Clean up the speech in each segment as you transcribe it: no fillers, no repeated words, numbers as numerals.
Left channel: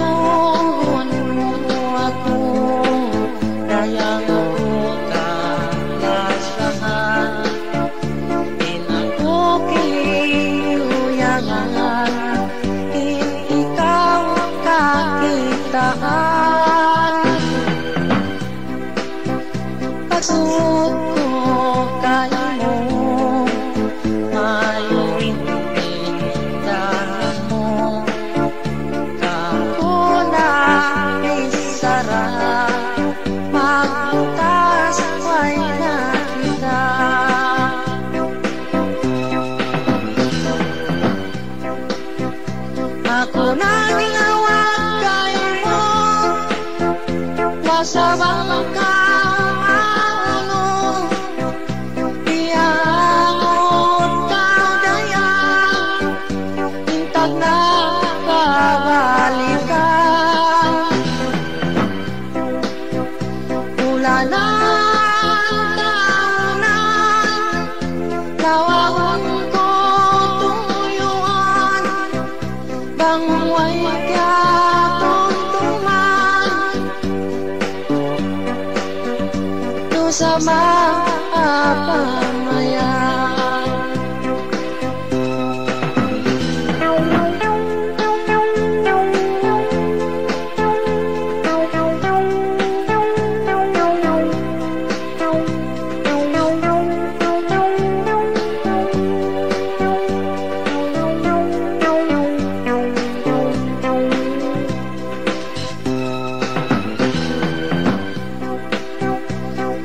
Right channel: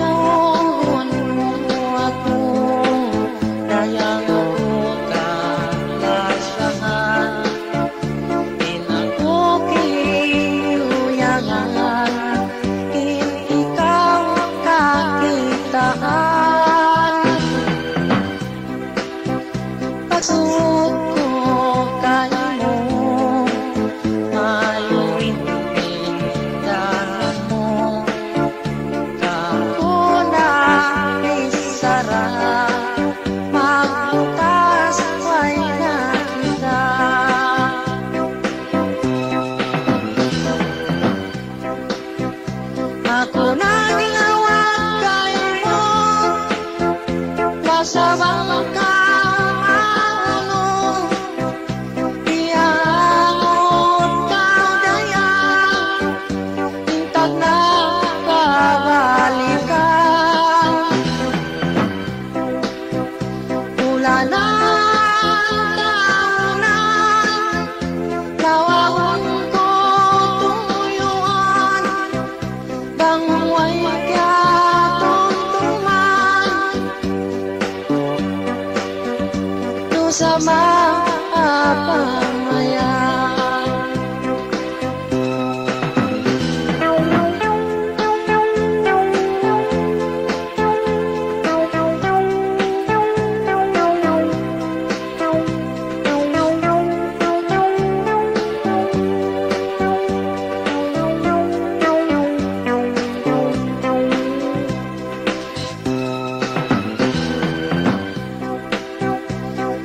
tuhon mo ako, dayang ako kalasahan, in ako kiuyangan, in ikaw kakitaan. Pagsuot ko kayo mo, mayuin pindahan mo, kako na isara, magbutas ay nakita. Ako na nilawag kayo mo, wasabang ka. Sama pamayan,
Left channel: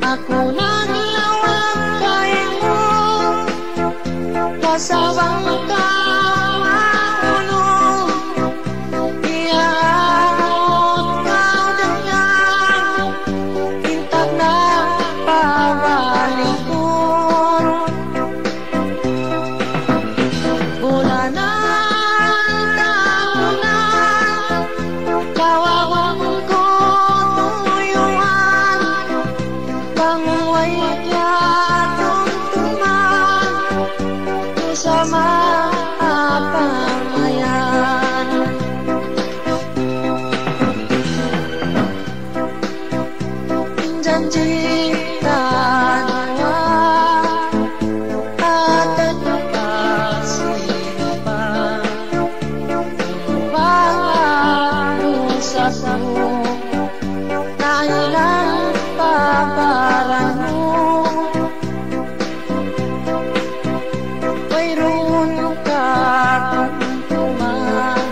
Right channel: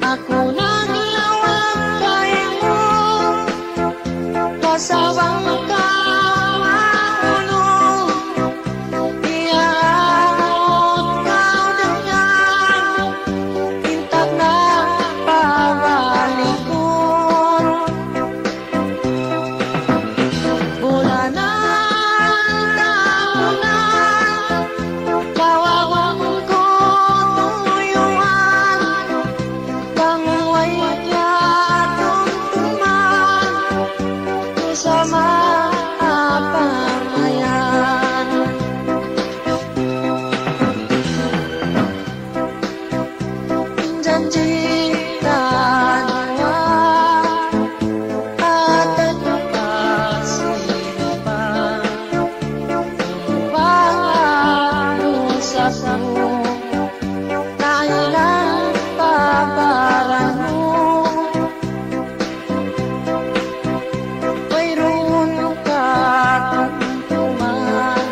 ako na nilawag kayo mo, kasawang kaulong, iyaot kau dayang, intag na pawalikon. Bulanan, taonan, kawawang ko tuyuan, bangway yatong tuman, sama pamayan. Janji tanawa at nagpasimpan, pangalo sa mo, kailang paparan mo. Mayroon ka tungtungan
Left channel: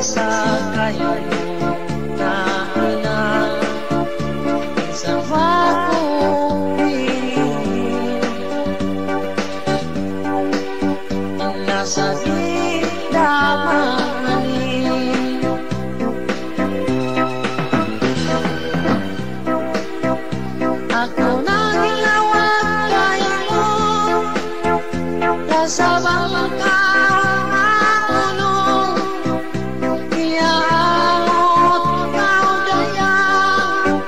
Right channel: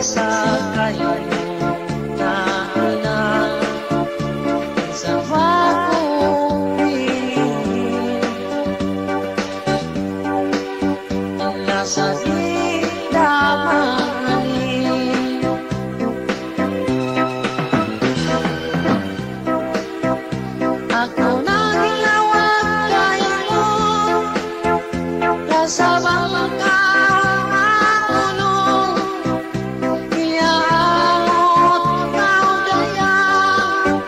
sa kayo na ina, sa makupihin, nasa didamanin. Ako na nilawag kayo mo, kasabang kaulong, iyaot kau dayang,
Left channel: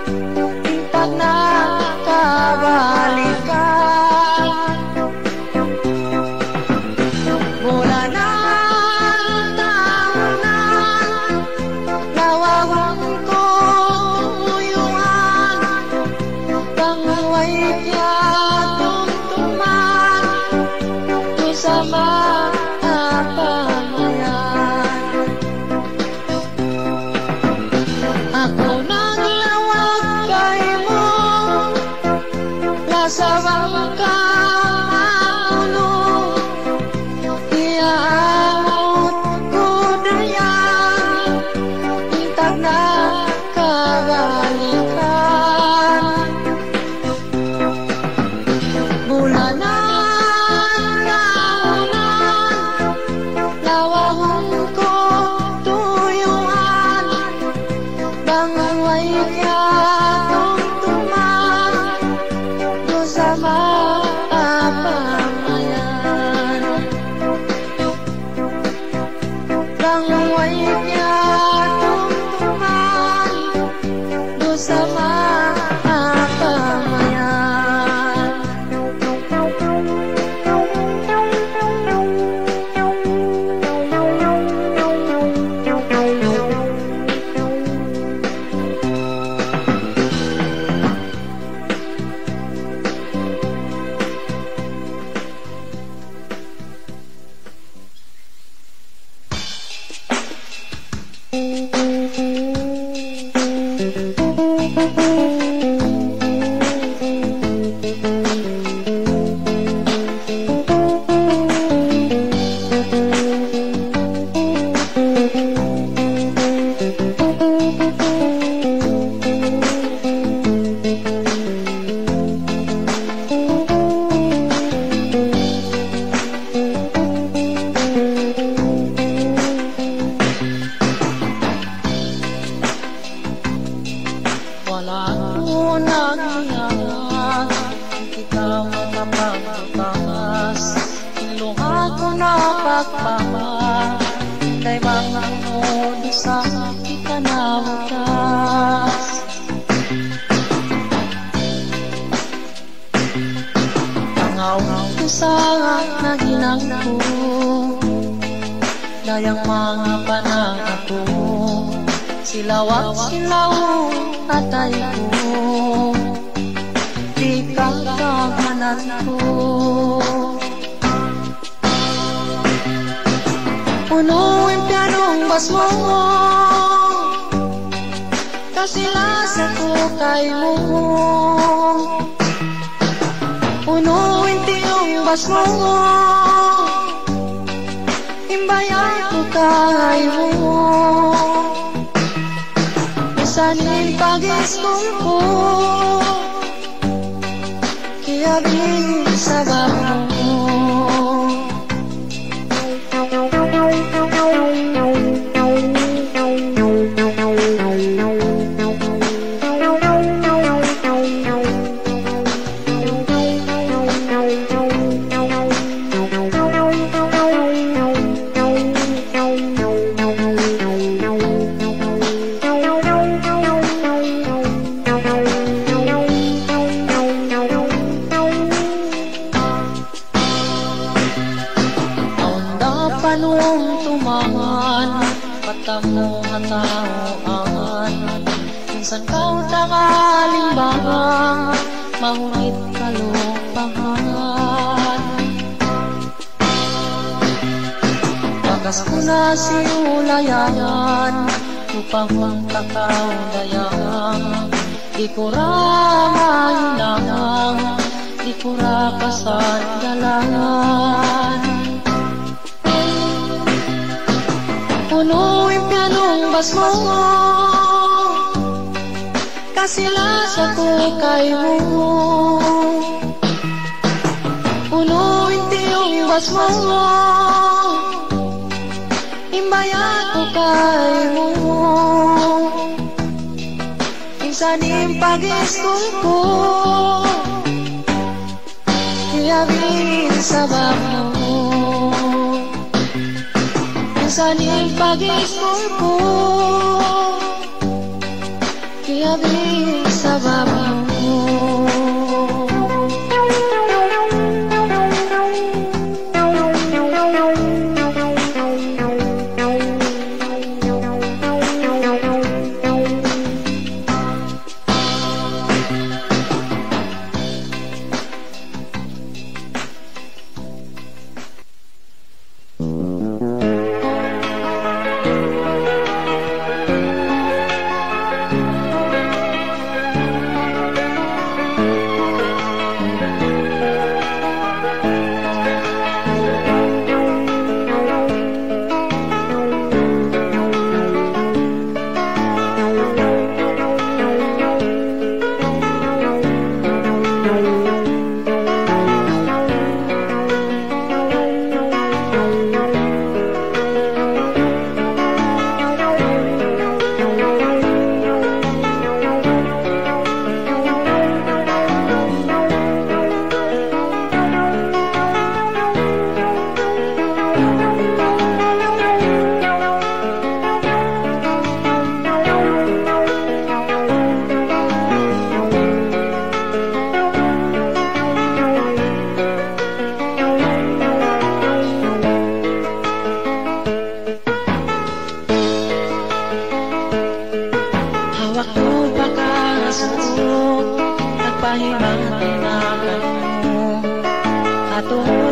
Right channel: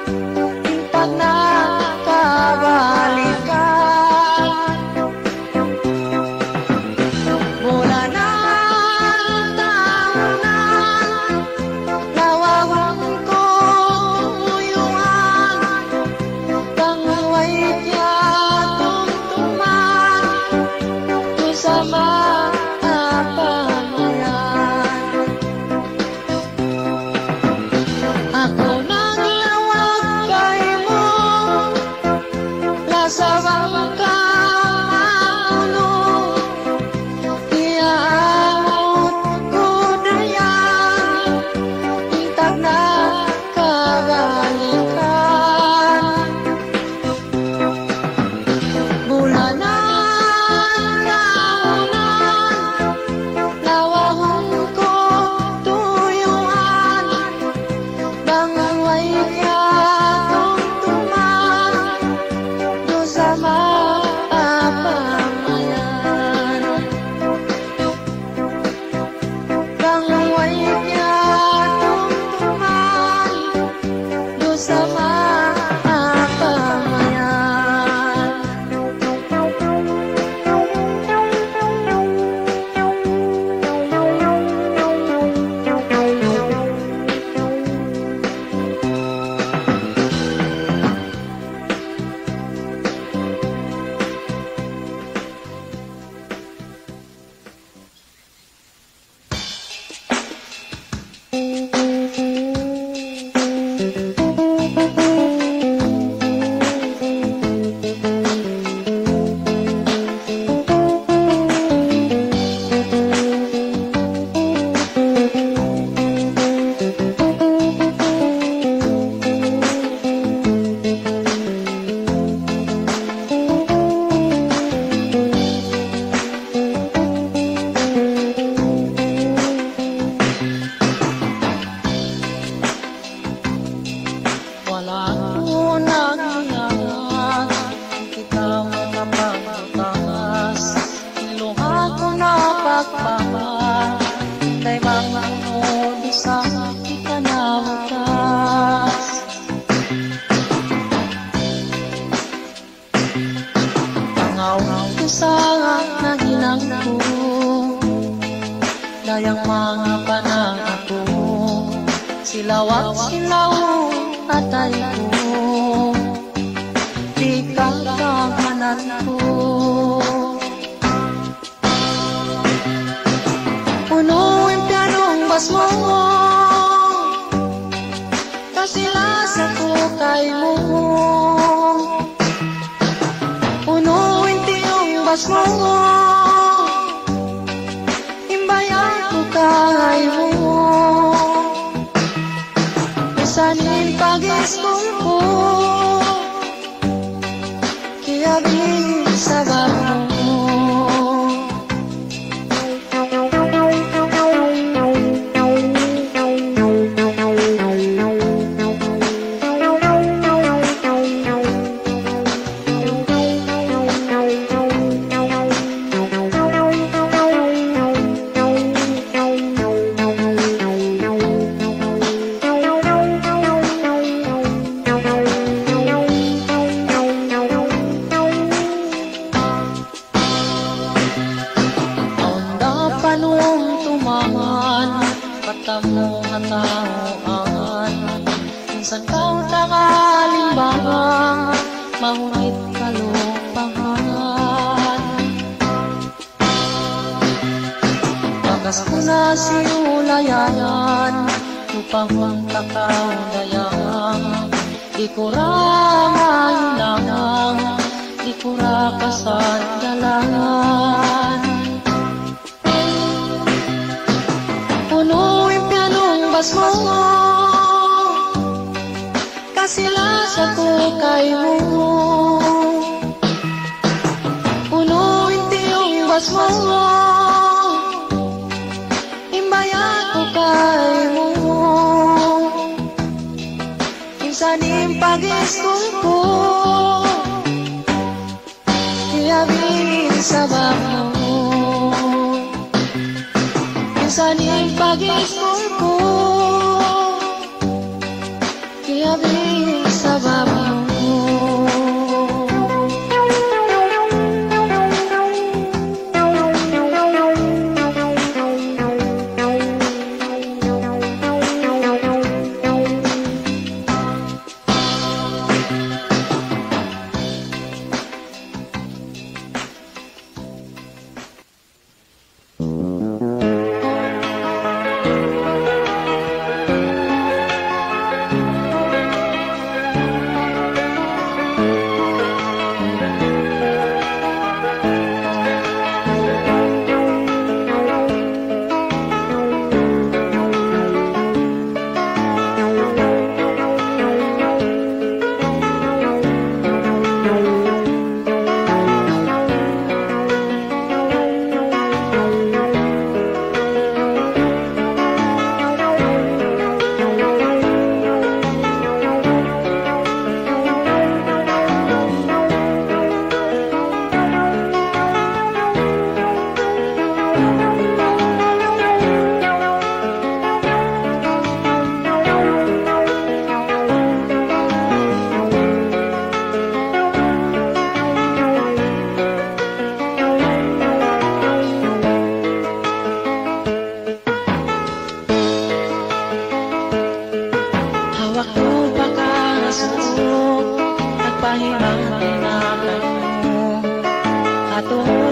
intag na kabalikan. Bulanan, taonan, lawawang ko tuyuan, bangway yatong tuman, sama pamayan. Ako na nilawag kayo mo, lasawang kaulong, iyaot ko dayang, intag na kabalikan. Bulanan, lawawang ko tuyuan, bangway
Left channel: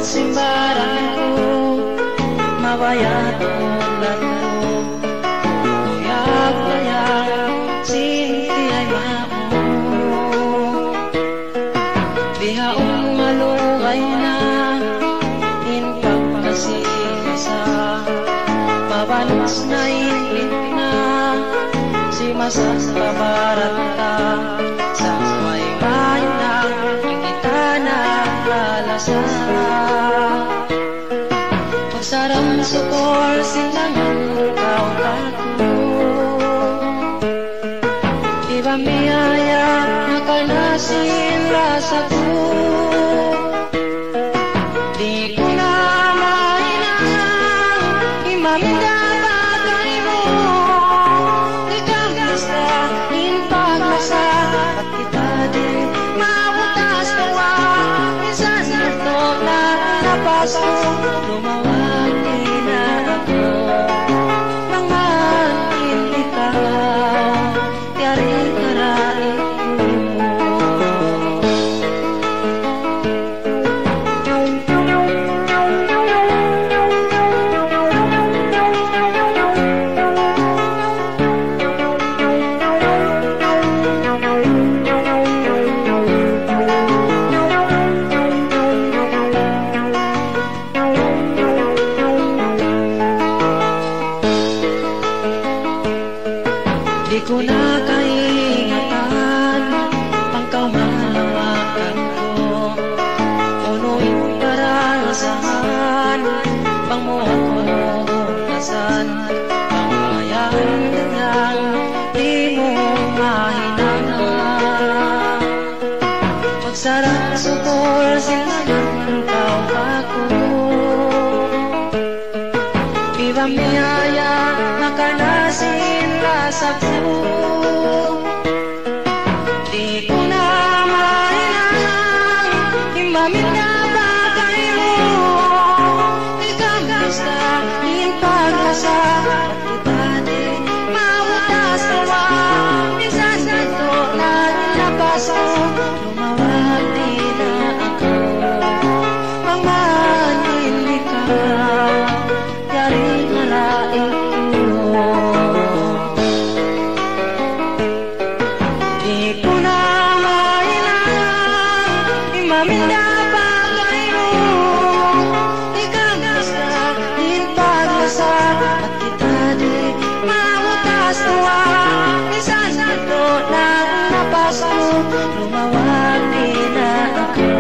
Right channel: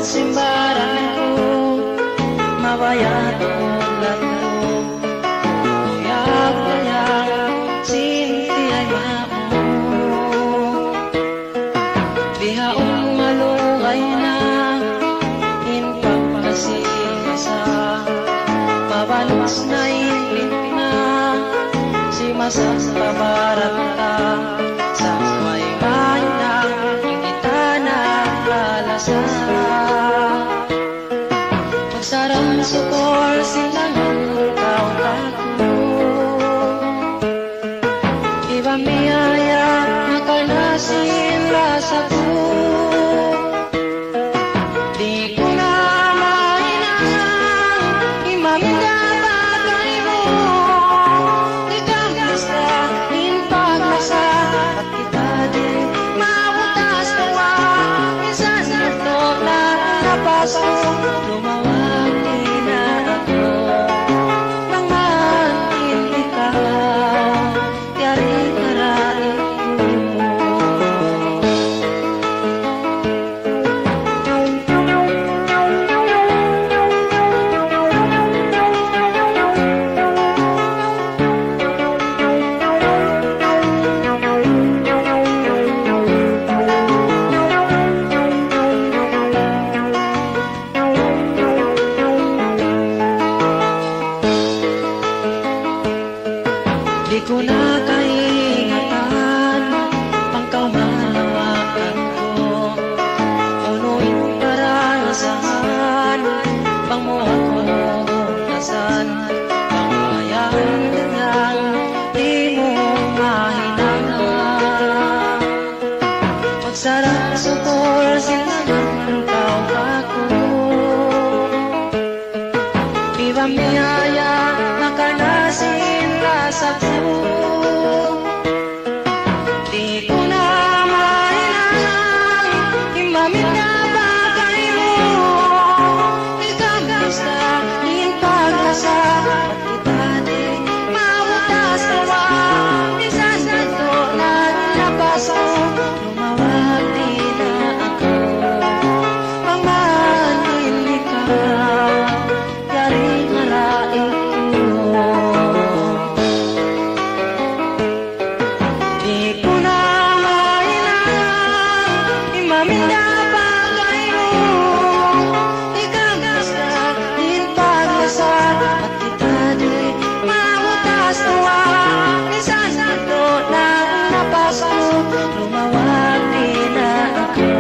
Simbaran ko, mawaya tulad ko. masang kabarat ka sa may mainang kita na alasan. Magsarang sukor silang ikaw ako, iba miyaya nakanasin rasa ko. Di ko na mainang imaminda bagay mo, ikaw isa in paglasa at kita din mabutas tawa. Minsan ito na labas ko, lumawag din na ako nang matin ikaw, yari karain ko. Di ko na kaingatan pang kamalawakan ko, punuin parasahan pang mo ako nasan, pangayaan lang di mo mahinangan. Magsarang sukor silang tao ako, iba miyaya nakanasin rasa ko. Di ko na mainang imaminda bagay mo, ikaw basta din paglasa at iba din mabutas tawa. Minsan ito na labas ko, lumawag din na ako mamahalin ikaw, yari maraing ko. Di ko na mainang imaminda bagay mo, ikaw basta din paglasa at kita din mabutas tawa. Minsan ito na labas ko, lumawag din na ako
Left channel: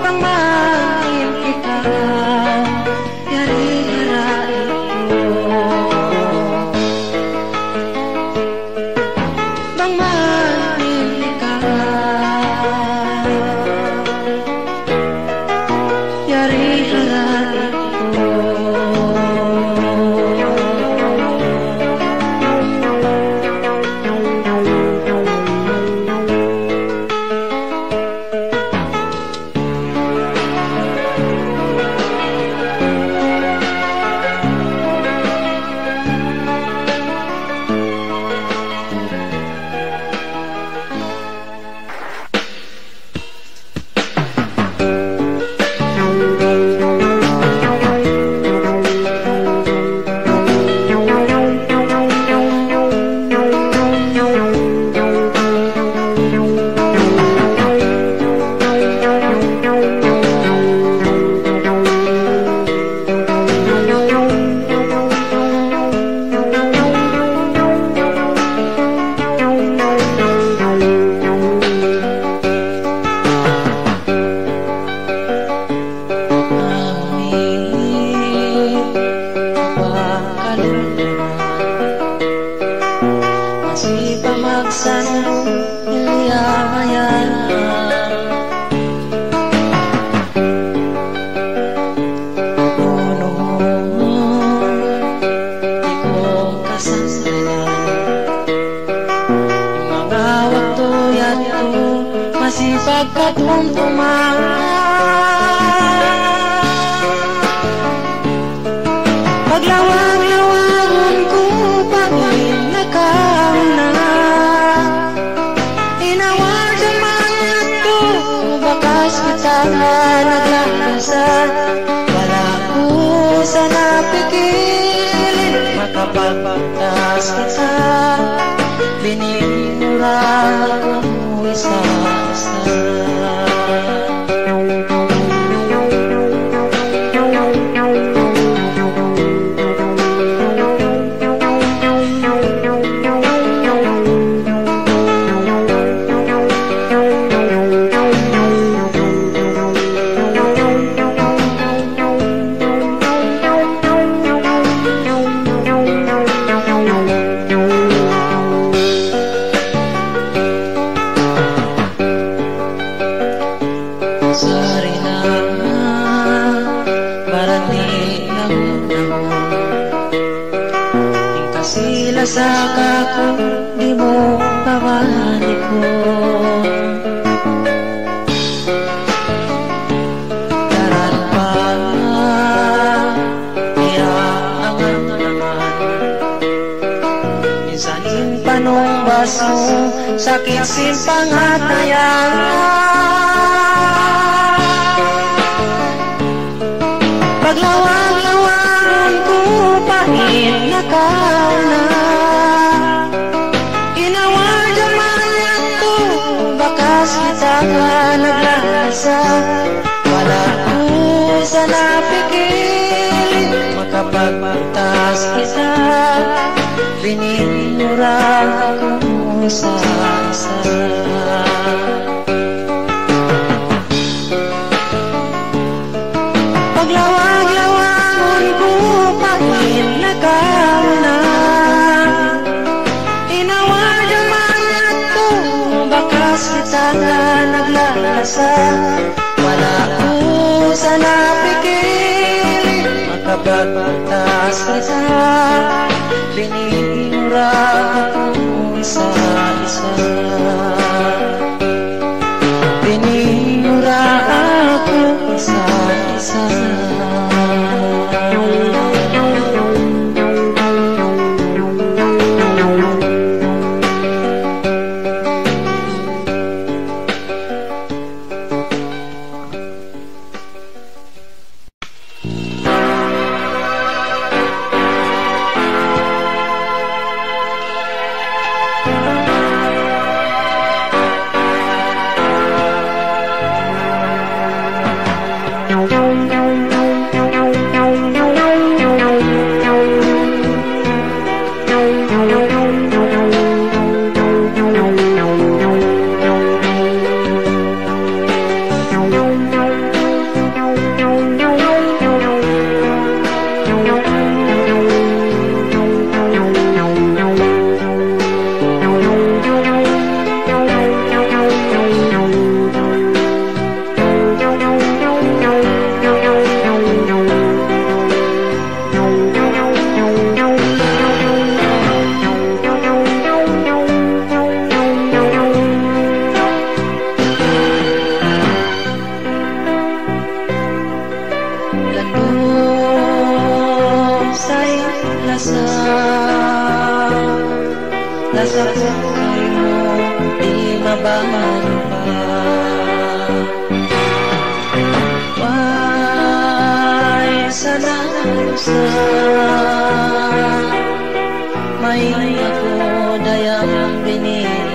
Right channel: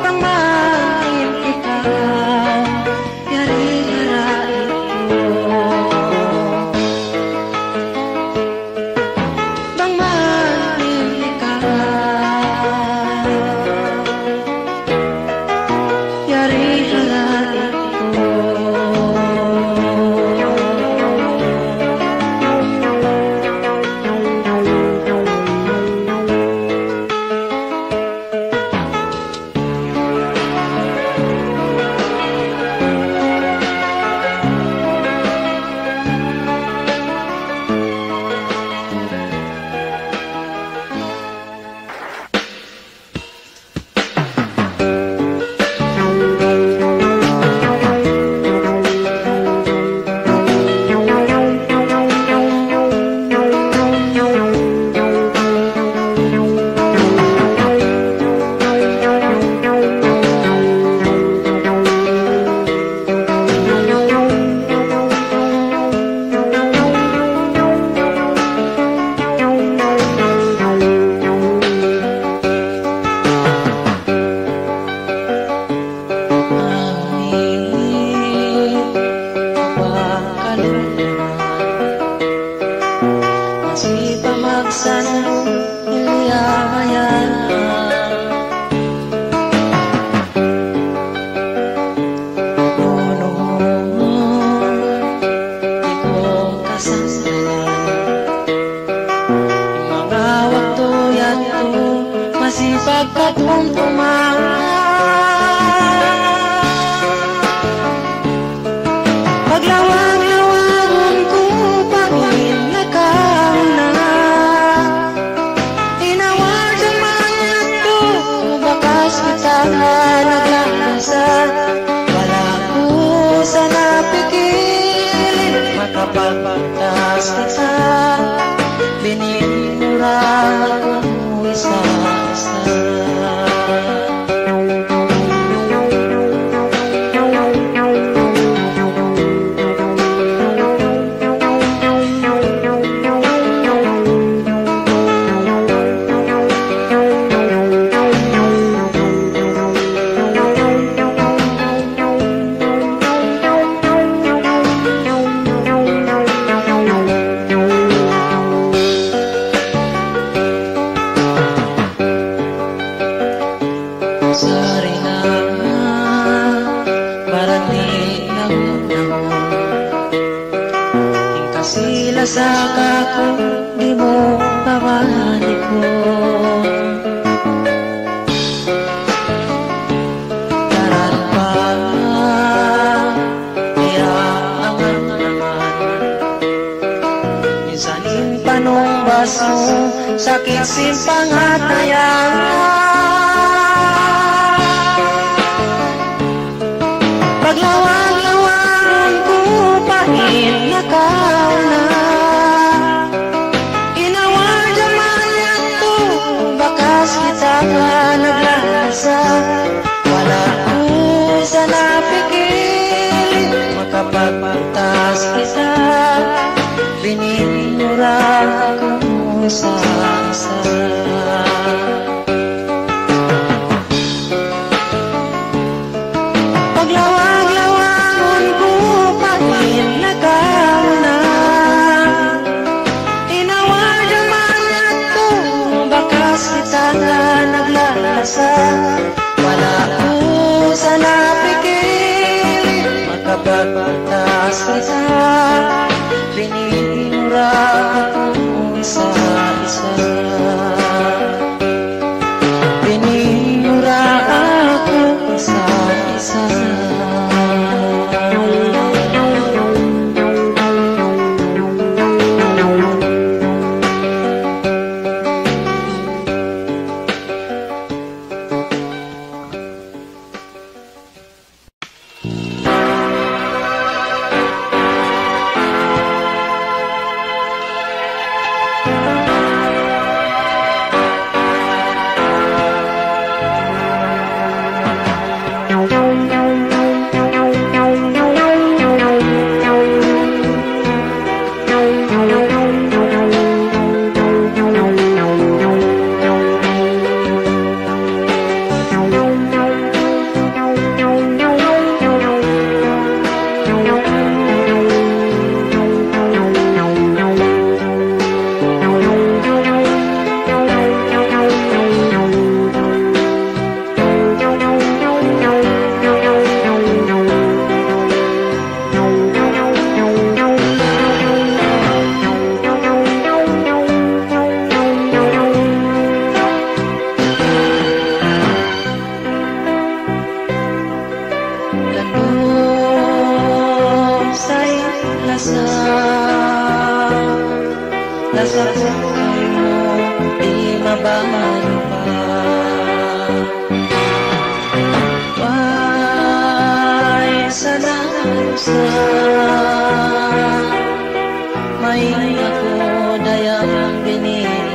pangmahalin ikaw, yari harain ko. Bang mahalin ikaw, yari harain ko. Masih pamaksan iliyayan, di ko kasasalan mga waktu yato masih pagkatuntuman. Paglawag-lawagon ko pagawin na kauna, inawag ang mga ito, bakas kita nga naglakasa. Wala ko sa napikilin, makapagpagtas ka sa binimura ko isa-isa. kung di mo mabalikon. Daraan pa, iyaangan naman. Minsan simpanong baso, sakit simpang hatayan. Paglawag-lawangan ko pahit na kauna. Inawad-yaman ko, bakas kita ka naglalasa. Wala ko sa napikil, makapagpantas kita. Bininurang ako sa isa. Paglawag-lawangan ko pahit na kauna. Inawad-yaman ko, bakas kita na naglalasa. Wala ko sa napikil, makapagpantas kita. Bininura ako sa isa. Bininura ako sa isa. Lasa buhay mo, di mabago pa. Why salalusa, may ako dayang binigyan.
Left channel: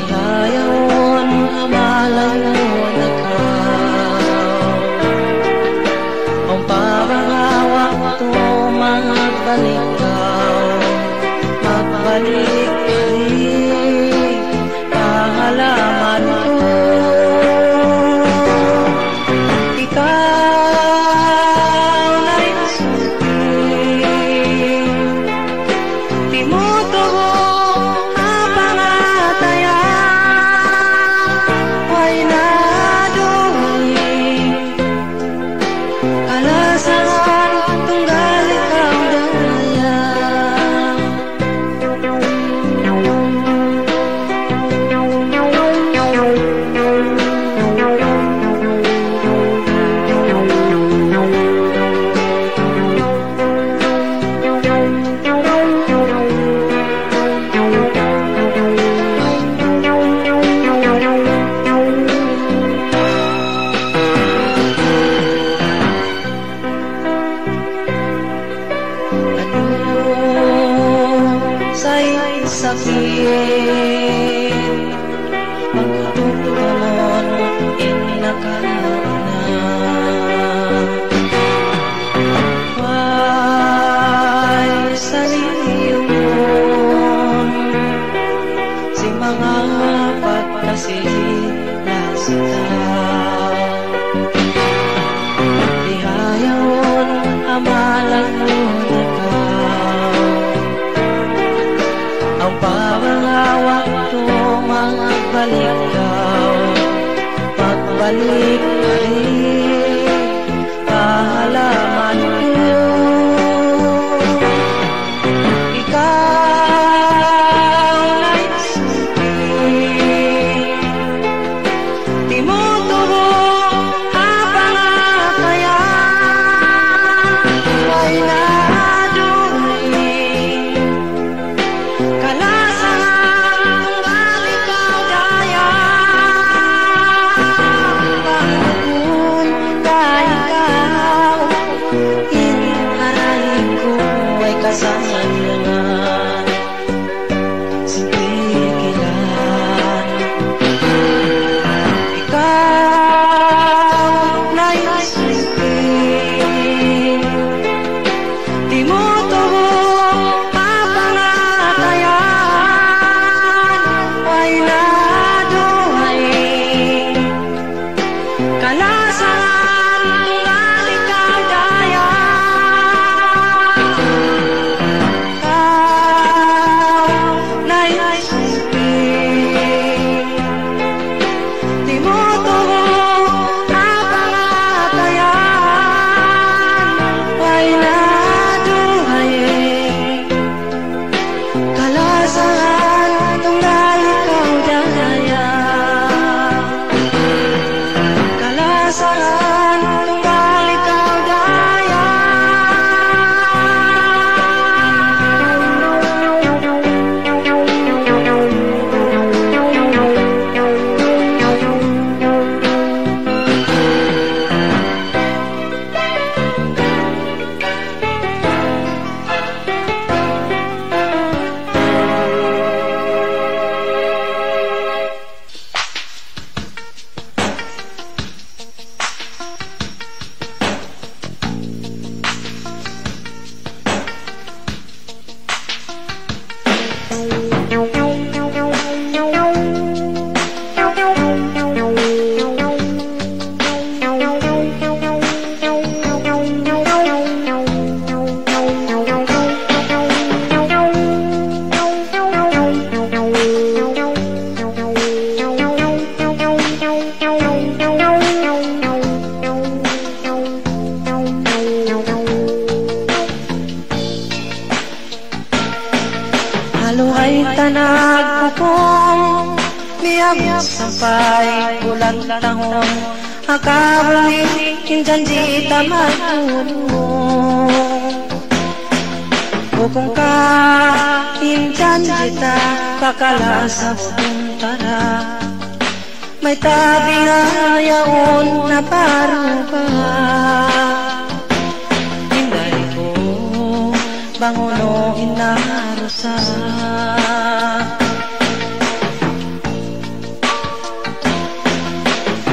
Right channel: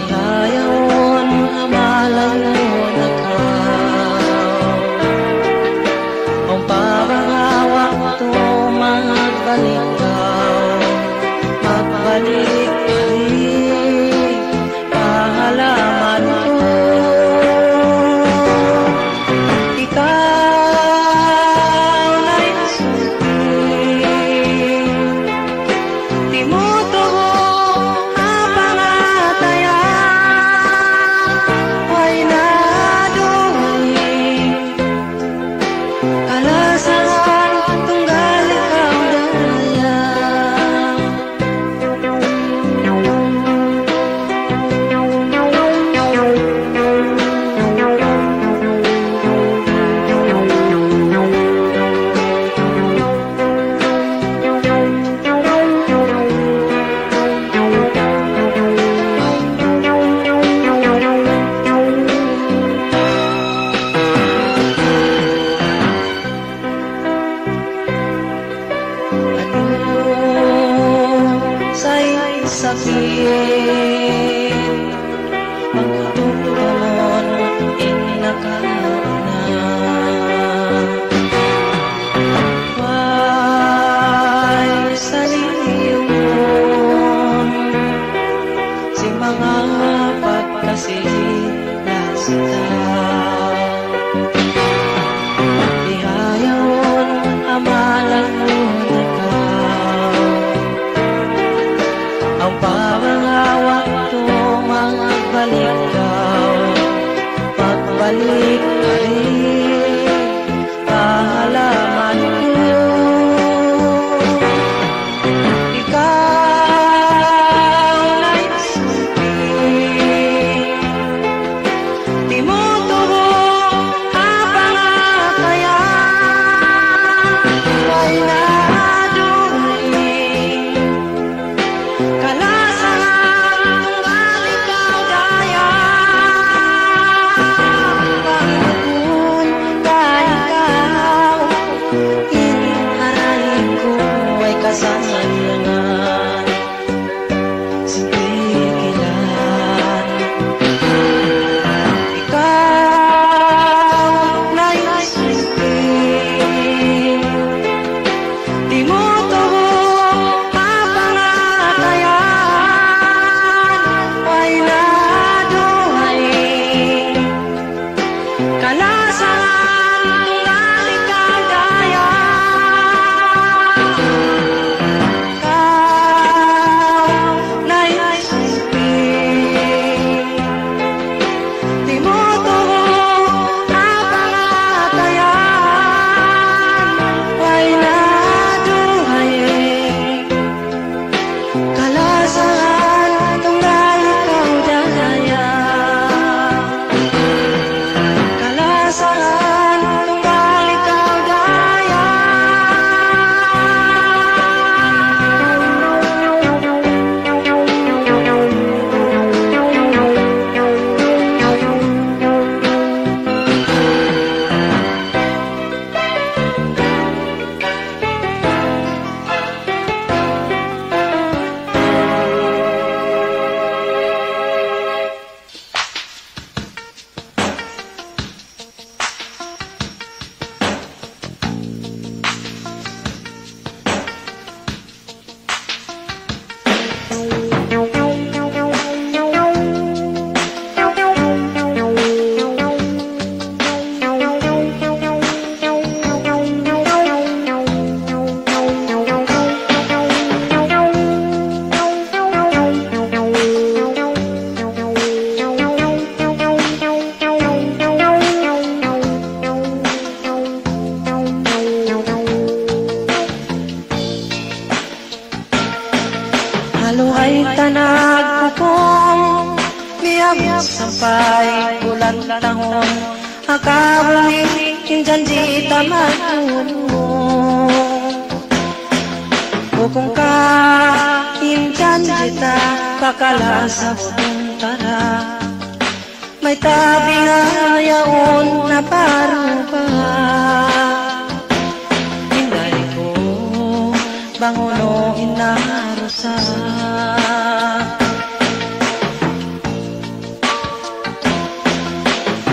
Ihayawon amalan mo na ka, ang parangawak to magbalik-balik, pahalaman ko. Ikaw na'y sulti, di mo tuho mapangatayan. Why naduhi, kalasan tunggal ikaw daya. Sa'y sakit, magtutulon inakana. Why sa liyong si mga pagkasilasita. Ihayawon amalan mo na ka, ang parangawak to Haluhay tanag pupong Miyabot sampay bulan tahon Akabuli kinjanji tamatulong Bukong ka kinjanji ta Kakalasap tara May tabi nga yaon na parupa Hinday ko banguno inarusa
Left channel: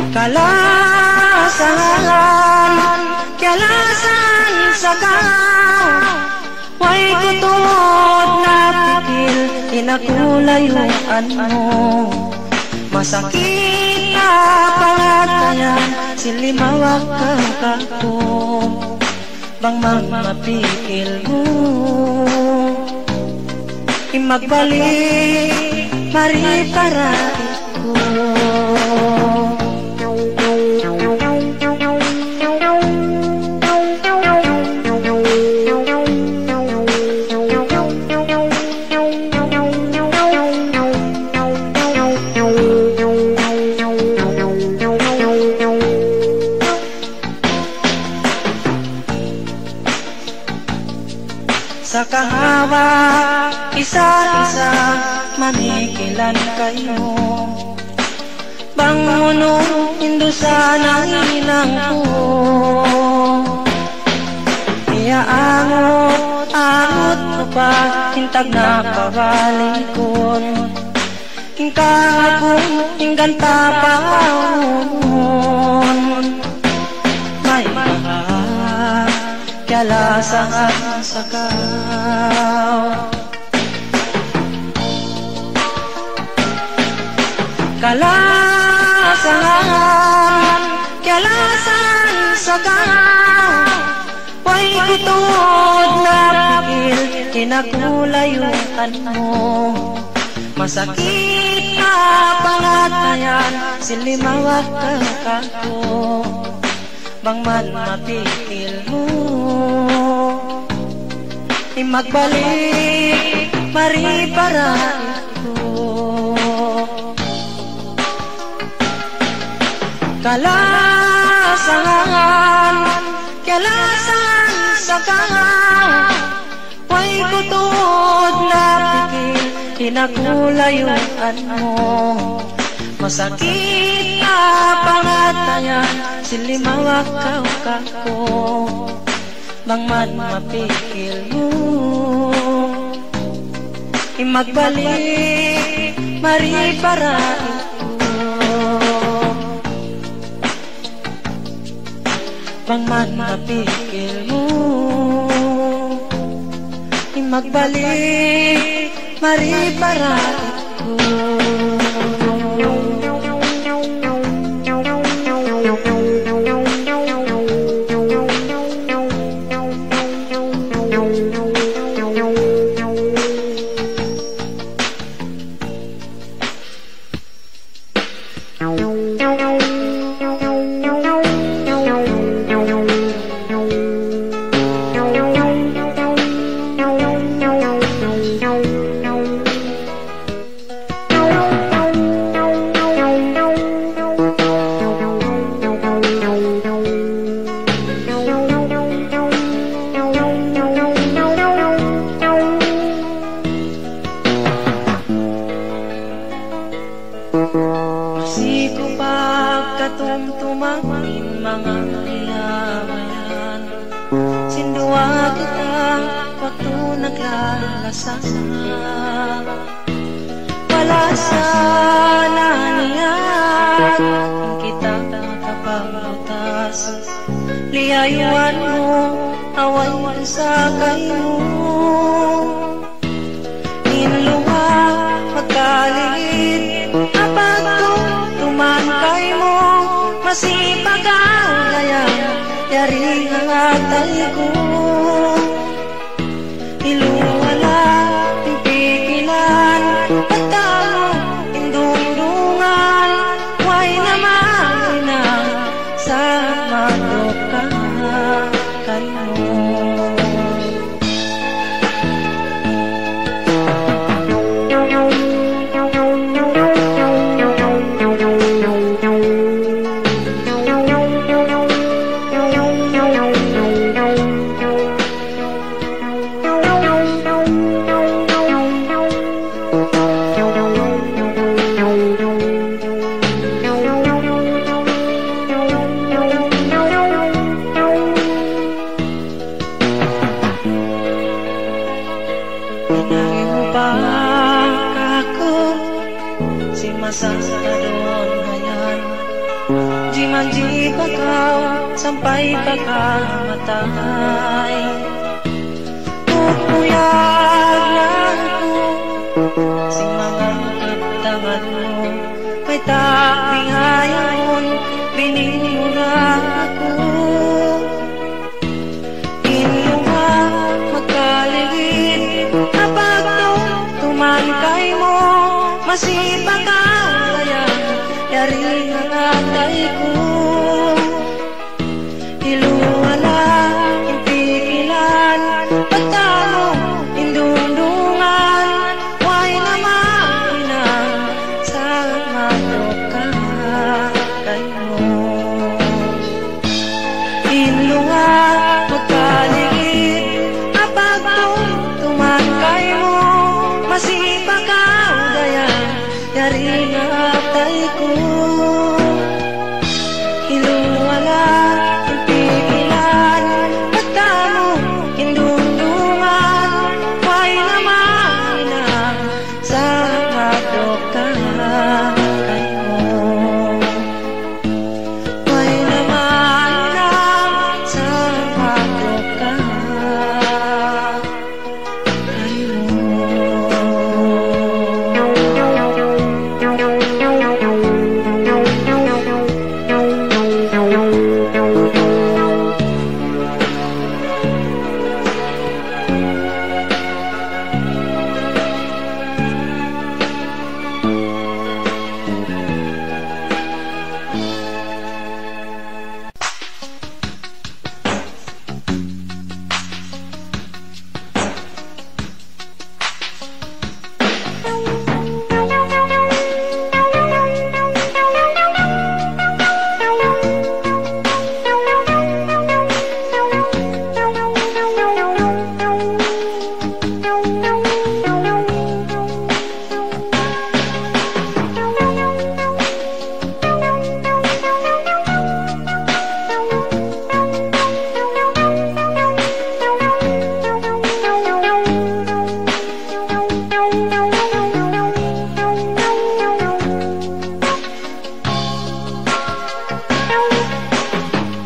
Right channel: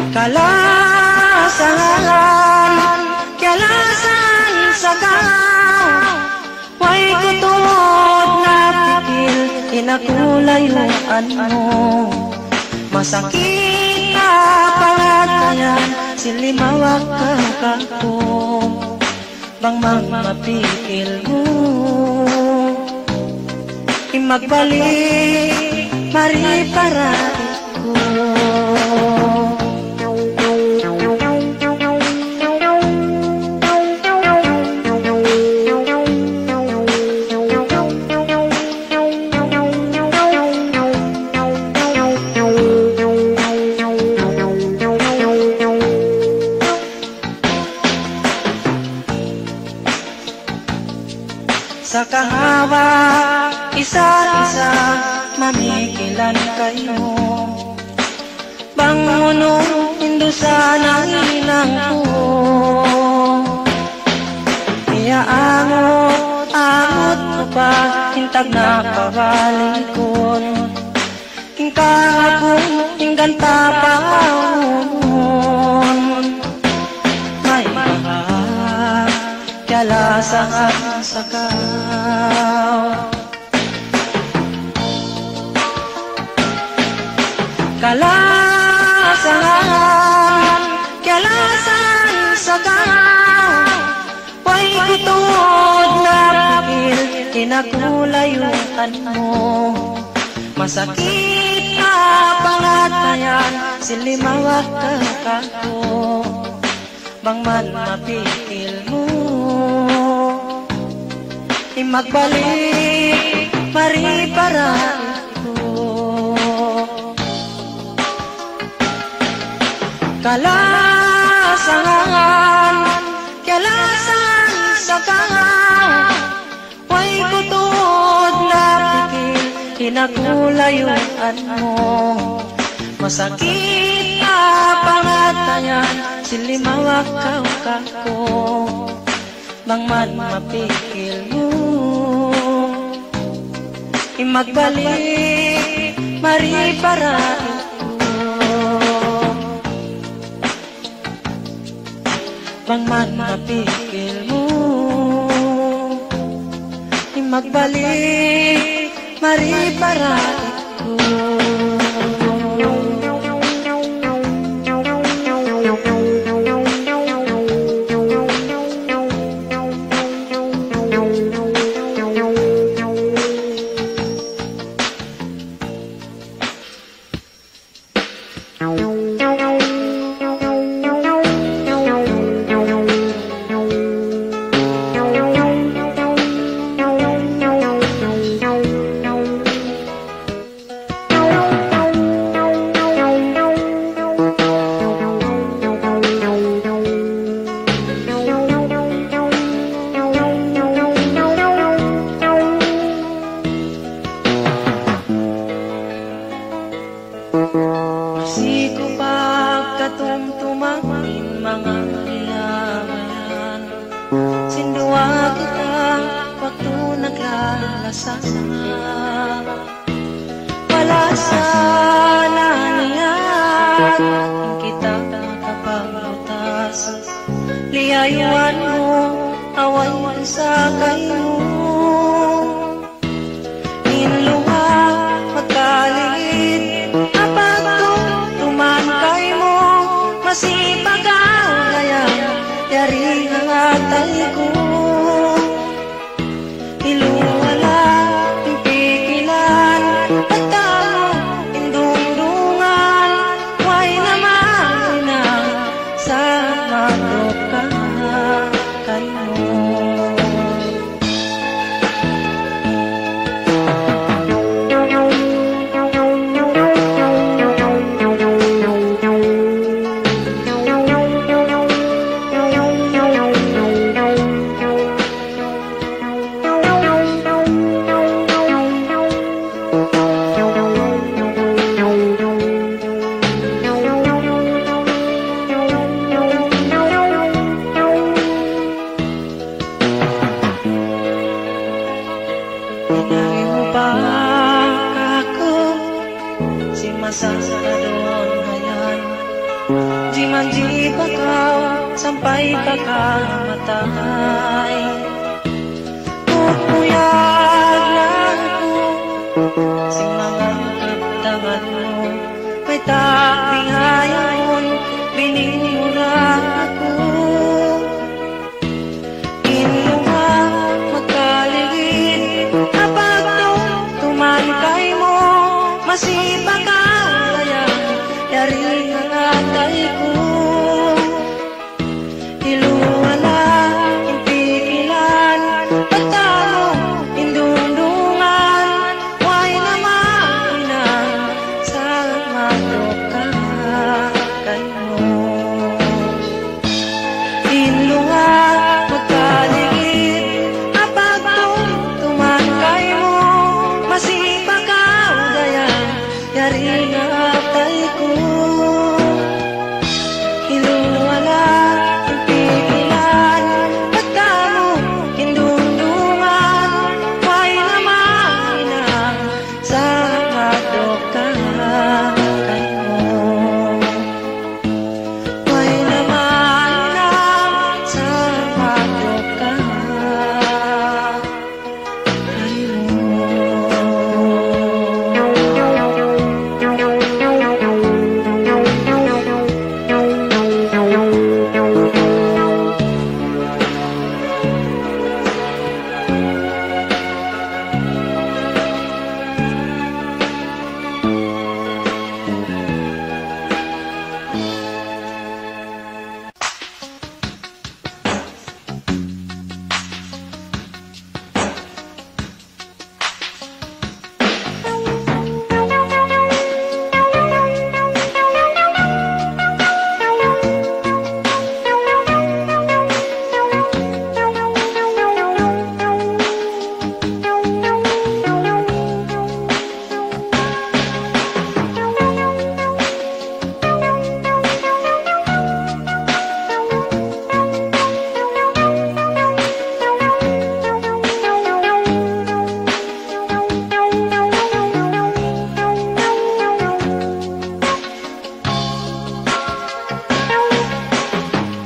Kalasan, kalasan sa gaw Way kutod na pikil Inakulayuan mo Masakit na pangatayan Silimawak kakako Bang mapikil mo Imagbalik mariparay ko Sa kahawa, isa-isa, mamikilan kayo Bangunong indusa ng ilang ko Iyaangot mo pa, hintag na kabalikon Hingkahapon, hingganta pa May kalasan sa gaw Kalasan, kalasan sa gaw Way kutod na pikil Kinakulayuan mo Masakit na pangatayan Silimawak kakako Bang man mapikil mo Imagbalik mariparay ko Kalasan, kalasan sa gaw Way kutod na pikil Kinakulayuan mo Masakit na pangatayan Silimawak kakako Bang man mapikil mo Imagbalik mariparay ko Bang man mapikil mo Imagbalik mariparay ko Siko pagkatumtumangin mga nilamayan Sindua kita waktu naglalasan Wala sana niyan kita nakapaglutas Liyayuan mo, awan sa kayo Inluha, magkaligid Masipag ang layan, yari ang atay ko Iluwala, impikilan, patalo, indungdungan Huwag naman na sa madoka kayo Inahiupa kako si masasadon hayan di manji bakaw sampai pagkamatay. Pupuyag lang ko si mga katangan mo, may taping hayon bininura ako. Inuha magkaligid kapag tumalikay mo, masipag ka kaya yari ang atay ko. Iluwala impikilan pagtamo indundungan, way naman ina sa matoka kayo. Iluwa magkaligid kapag tumalikay mo, masipag ka kaya yari ang atay ko. Iluwala impikilan pagtamo indundungan, way naman ina sa matoka kayo. Way naman ina sa matoka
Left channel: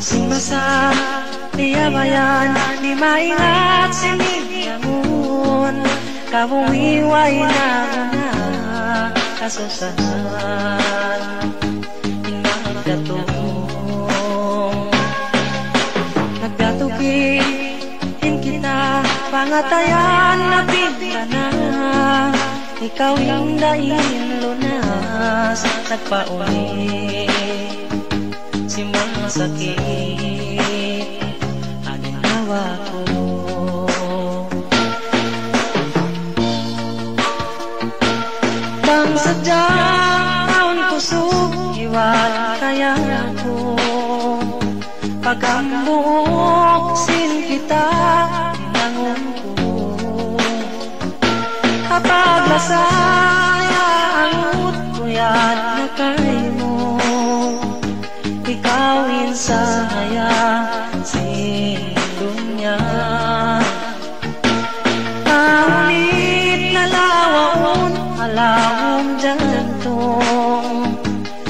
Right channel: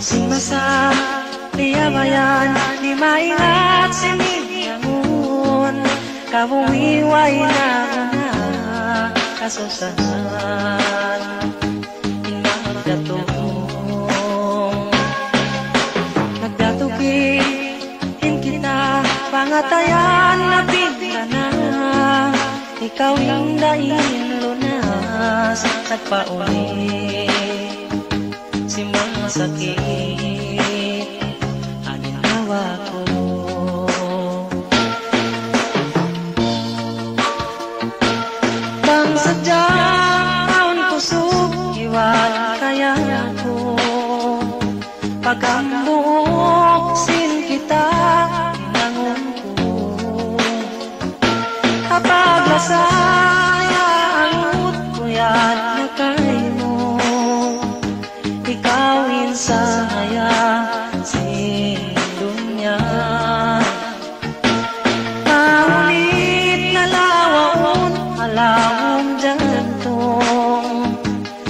Simbasa piyabayan di maingat siniyangun, kabumiway na gana kasusahan inagdatong nagdatukin kita pangatayan na bigla na ikaw yung daing lunas nagpauli si mga sakit aninawa ko. Bang sadyang taon kusog iwan kaya ko, pagambuk sin kita inangon ko, kapag masaya ang utkuyan na kay mo, ikawin saya si dunya. Paulit na lawaon halawong jantong,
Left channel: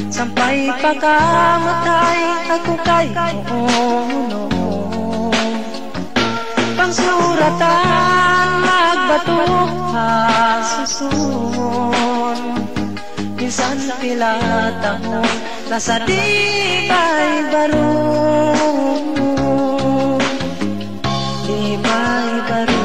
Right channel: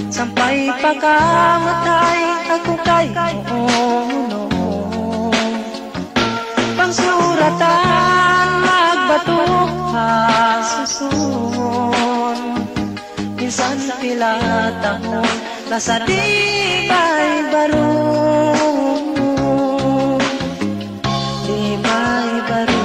sampai pagkamatay ako kay Moono. Pangsuratan magbatok hasusun, minsan pilatahon nasa di may barong, di may barong.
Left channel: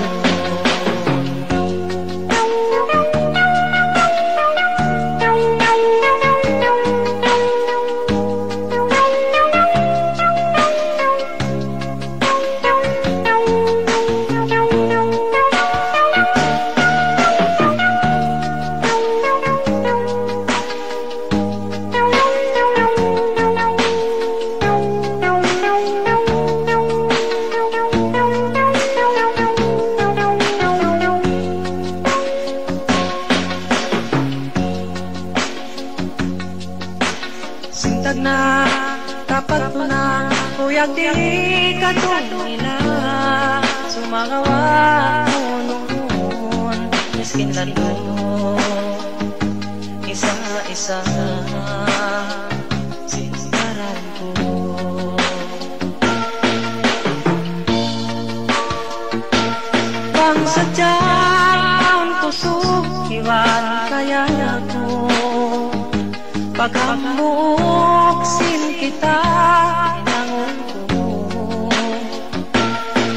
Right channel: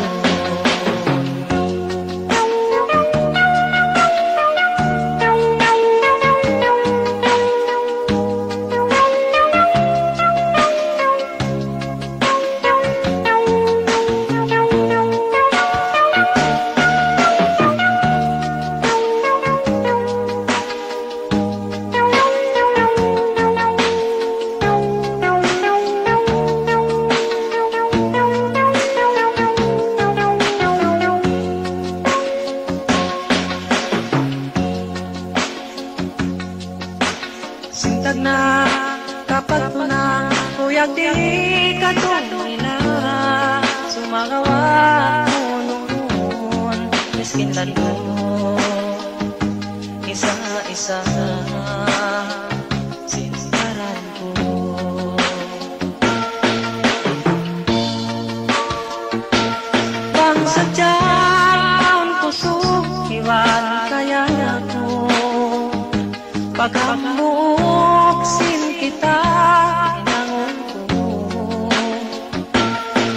Sintag na kapag na kuyag di katong nila, sumagawa mo noon Iskindan mo isa-isa sintaran ko. Bang sadyang kusog iwan kaya ako, paghamuksin kita inangon ko.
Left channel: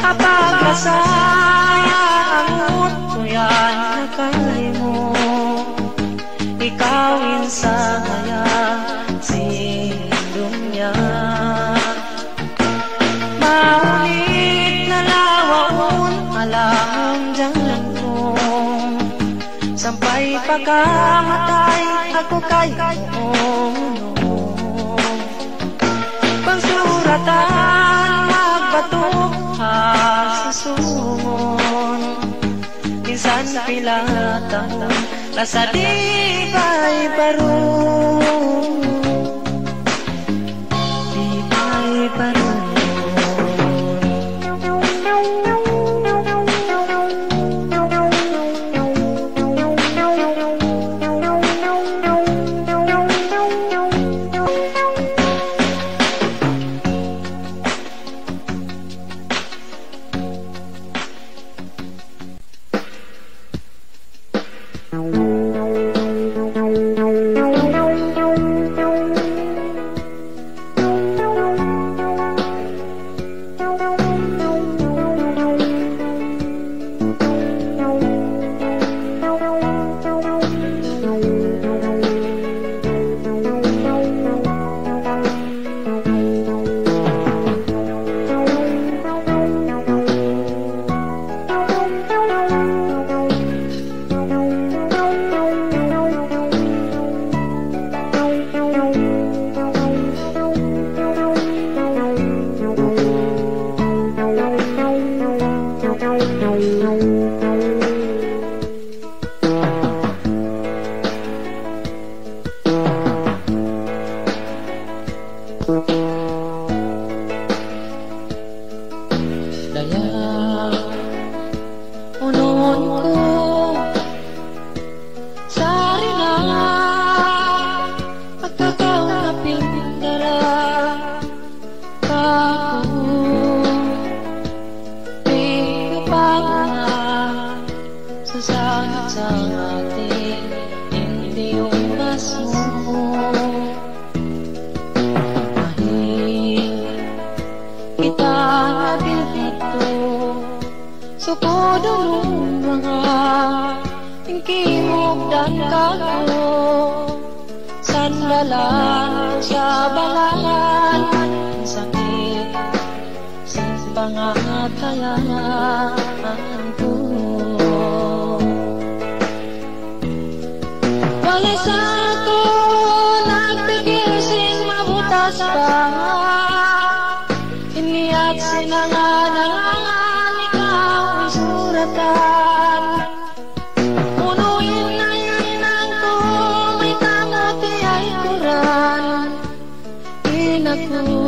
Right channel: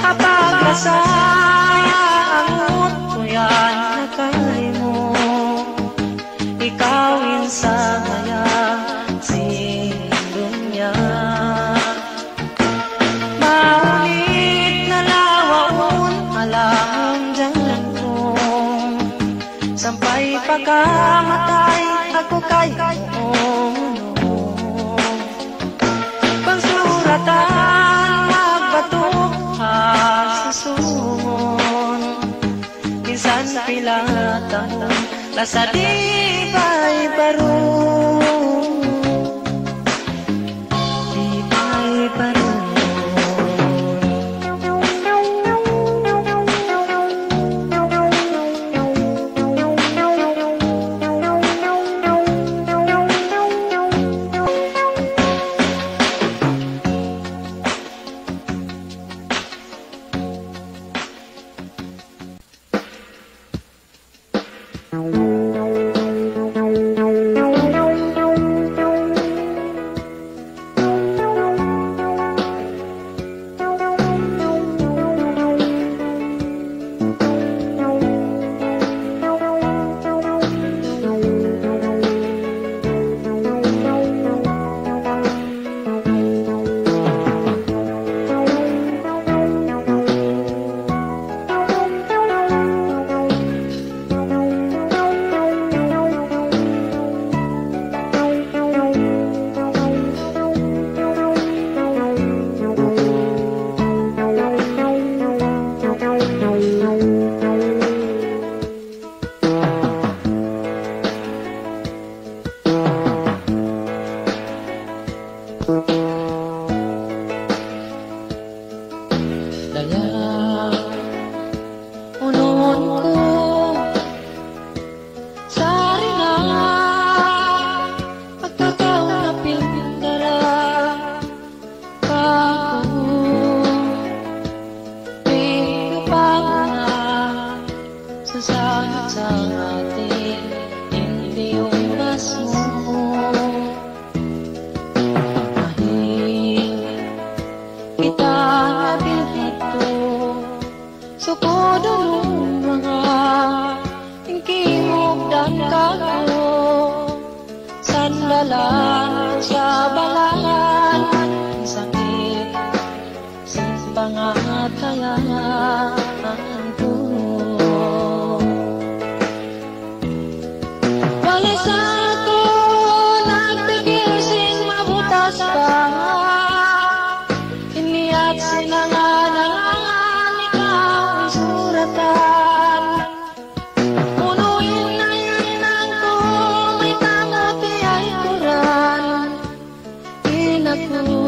Kapag masaya angot ko yan nakay mo, ikawin sa kaya sindunya. Maulit na lawaon alam dyan ko, sampay pagkamatay ako kayo. Pagsuratan magbatok sa sumon, minsan pilatan nasa di ba'y barong, di ba'y barong. Sandalan sa balangan, sakit sa pangatayan ko. Walis ako nagpigil sin mabutas pa, iniat sinanganangan ikaw isuratan. Punuin na inan ko, may tangapi ay kuran. Inaku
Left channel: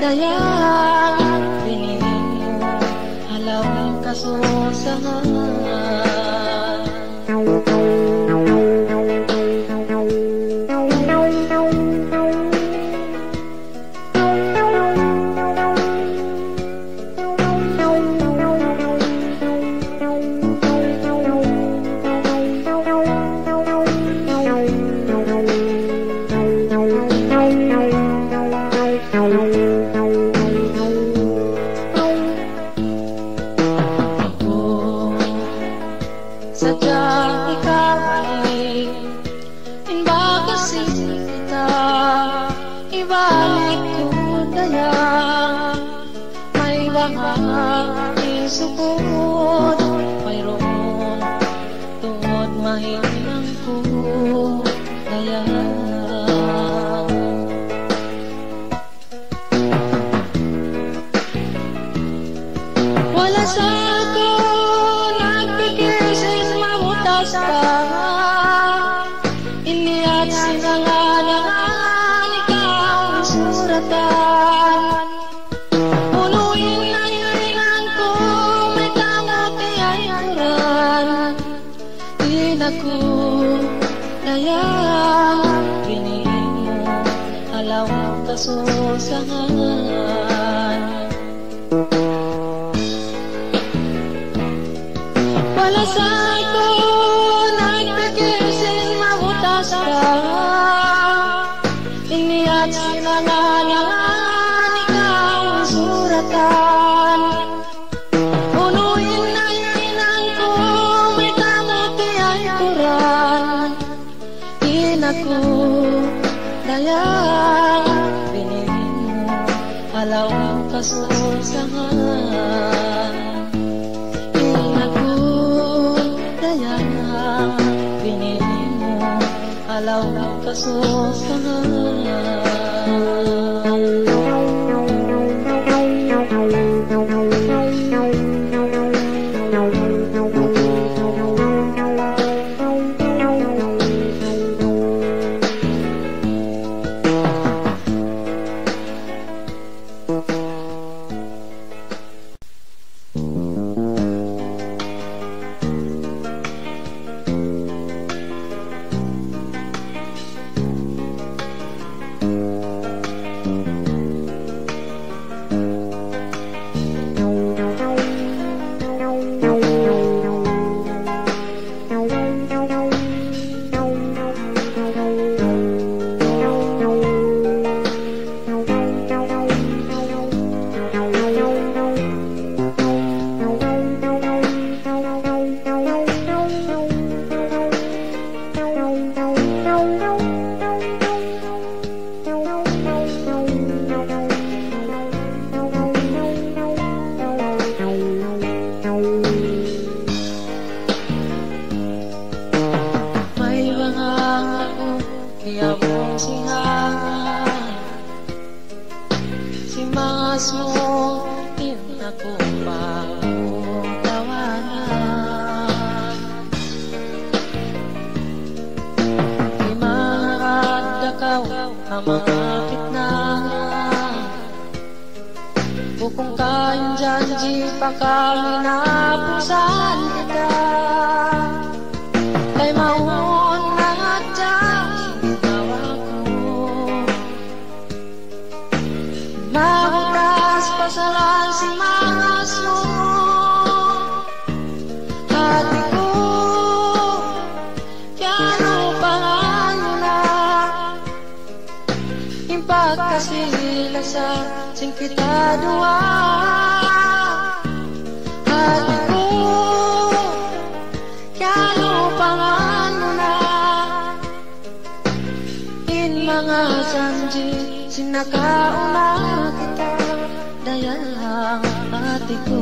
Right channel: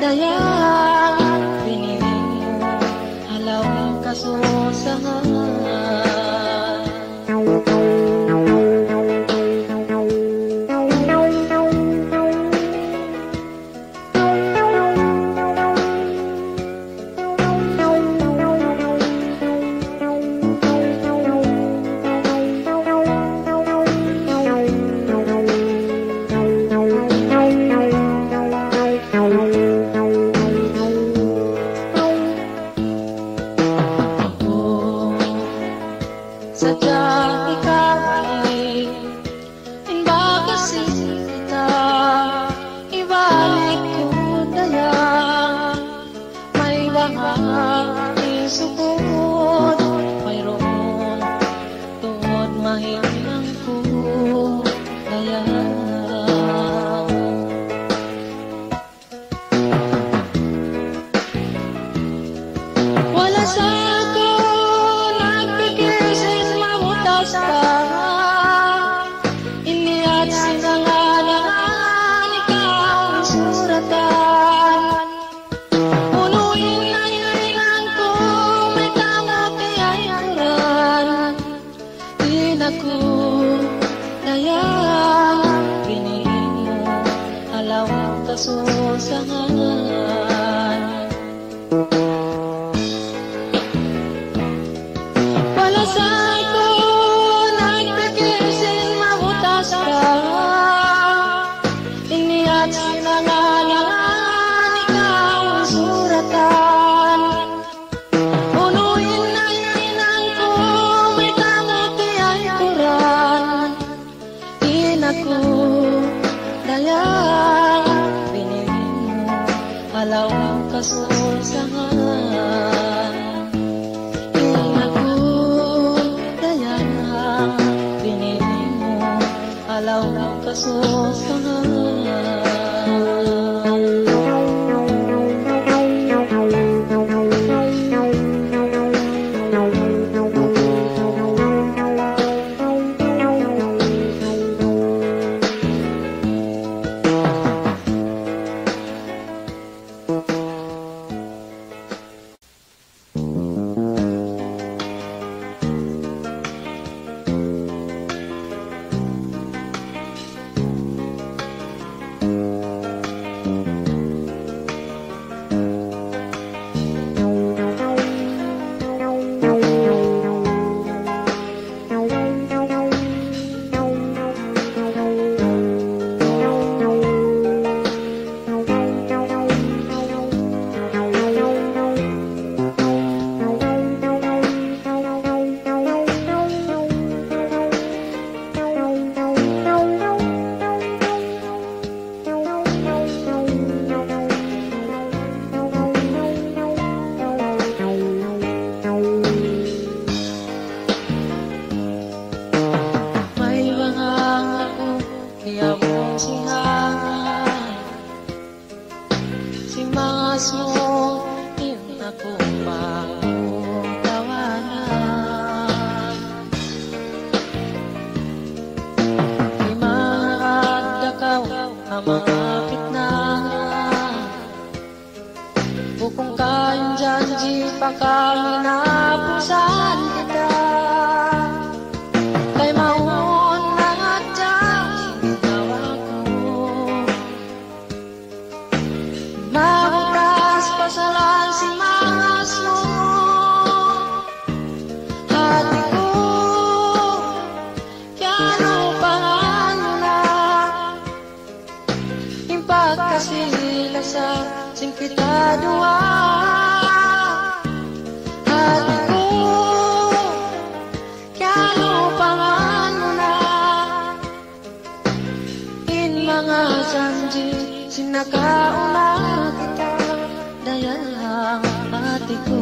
dayang pinilin mo, halaw kasusahan. Sadyang ikaw ay inbagasin kita, ibalik ko dayang may bahang isukod, mayroon tungod mahinang ko dayang. Wala sa ako iniat sinanganangan ikaw suratan. Punuin na inan ko, may tangapi ay kuran. Inaku daya pinili mo alaw kasusahan. Palasay ko nagpagkising mabutas ka, iniat sinangalangan ikaw ang suratan. Unuin na inang ko may kamuti ay kuran. Inaku daya pinili mo alaw kasusahan. Inaku daya pinili mo alaw kasusahan. Bukong kanjanji pakami na pusan kita, kay maun mga dyan sinawa ko. Mabutas pasalan si mangas mo, hati ko kano pangana, impagkasila sa sing kita dua. Hati ko kano pangano na, in mga janji sinakauna kita, dayang hati ko.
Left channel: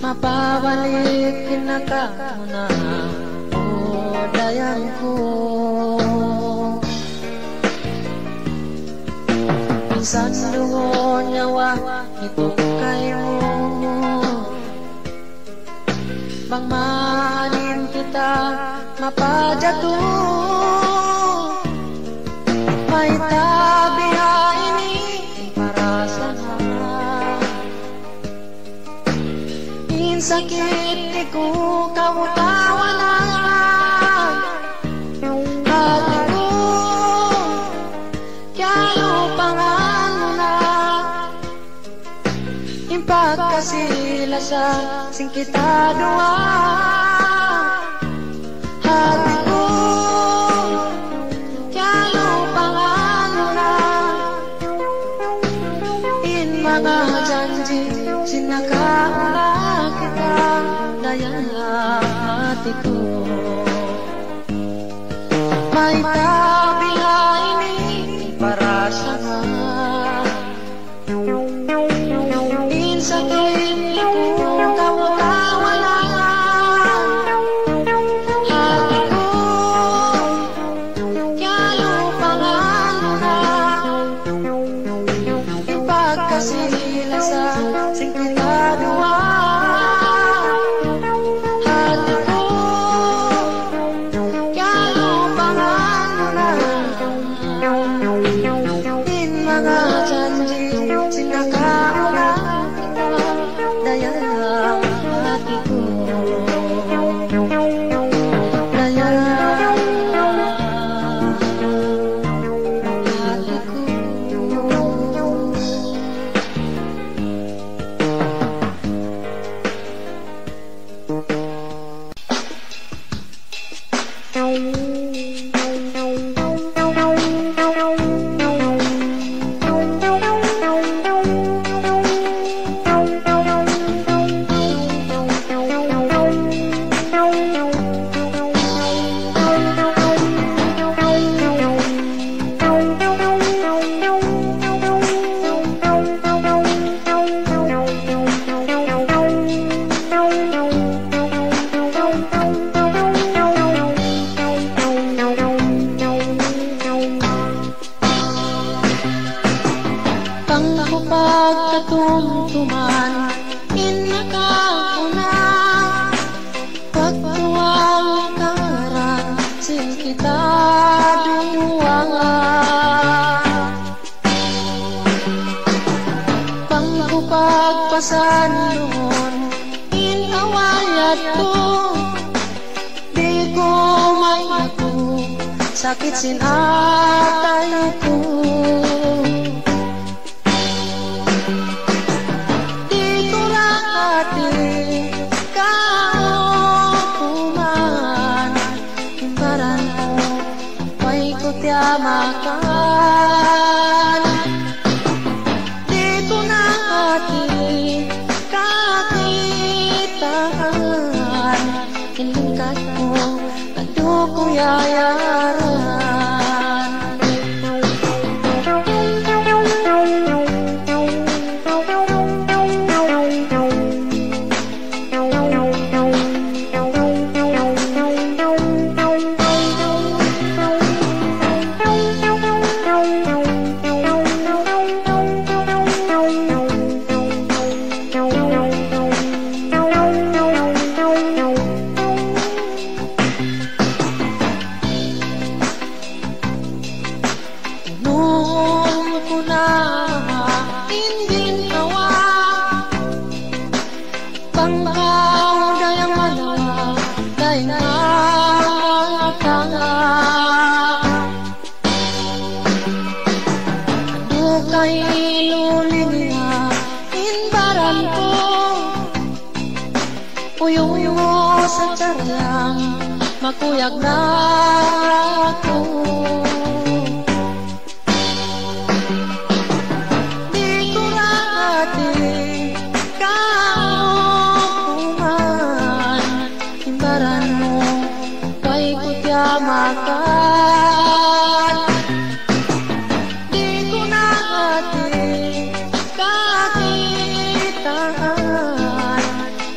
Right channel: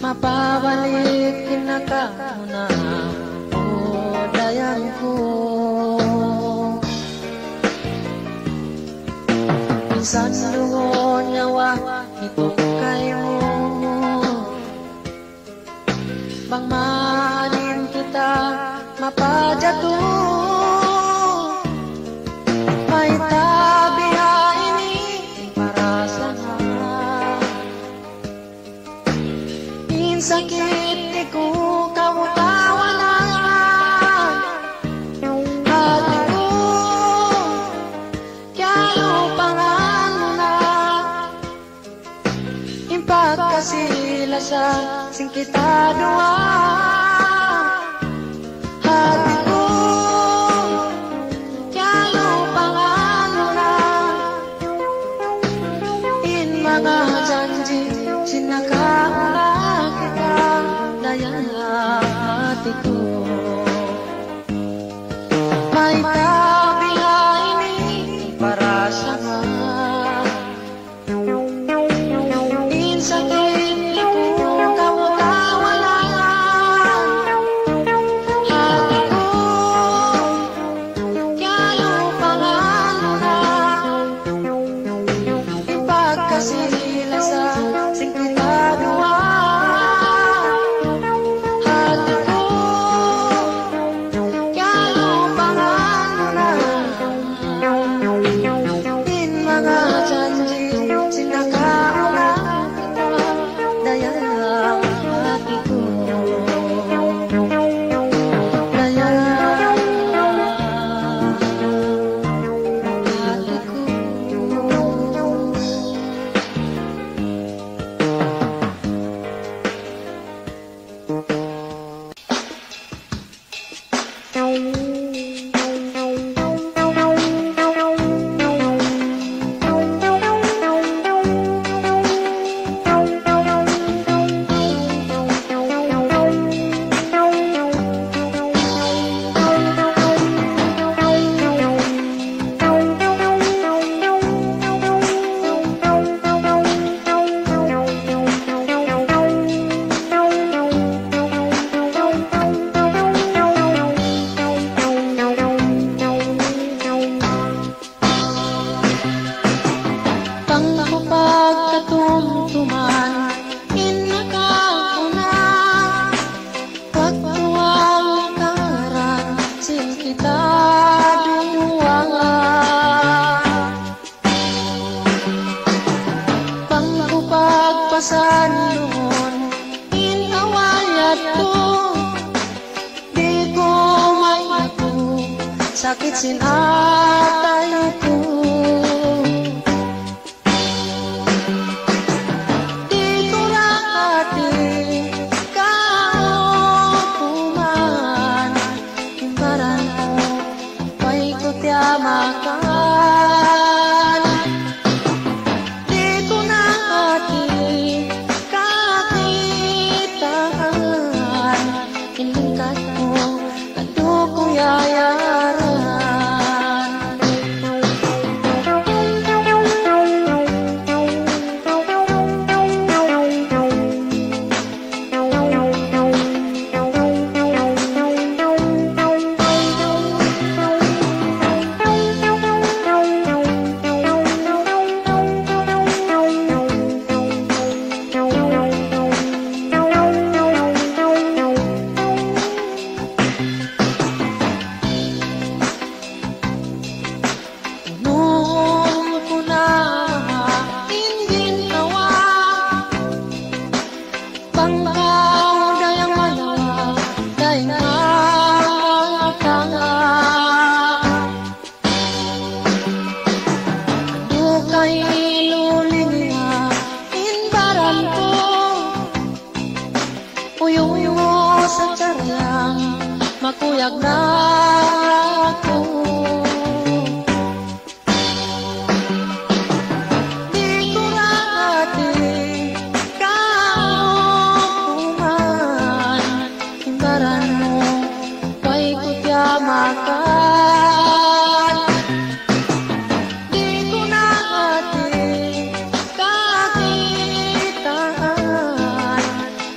Mapabalik kinakauna o dayan ko. Minsan luon yawa ito kayo, bang mahalin kita mapadato. May tabi ini para sa sakit di ko kawutawanan. Hati ko kaya pangano na, impagkasila sa sing kita dua. Hati ko may kabilain para sa insakit ikong kawalan hati ko kaya pangalan na ipagkasila sa singkitadwa hati ko kaya pangalan na din mga janji sinakaula daya hati ko daya hati ko. Pagkatumtuman inakakuna pagtuwang karan sin kita duwangan pangkupagpasan noon inawayat ko di ko may ako sakit sin atay ko. Makan dito na ating kakitaan ilingkat mo ando ko yayaran uyong mo sa tiyaryang makuyag na ako di ko rating kaupuman imbaran mo kay kutyamakan di ko nating kakitaan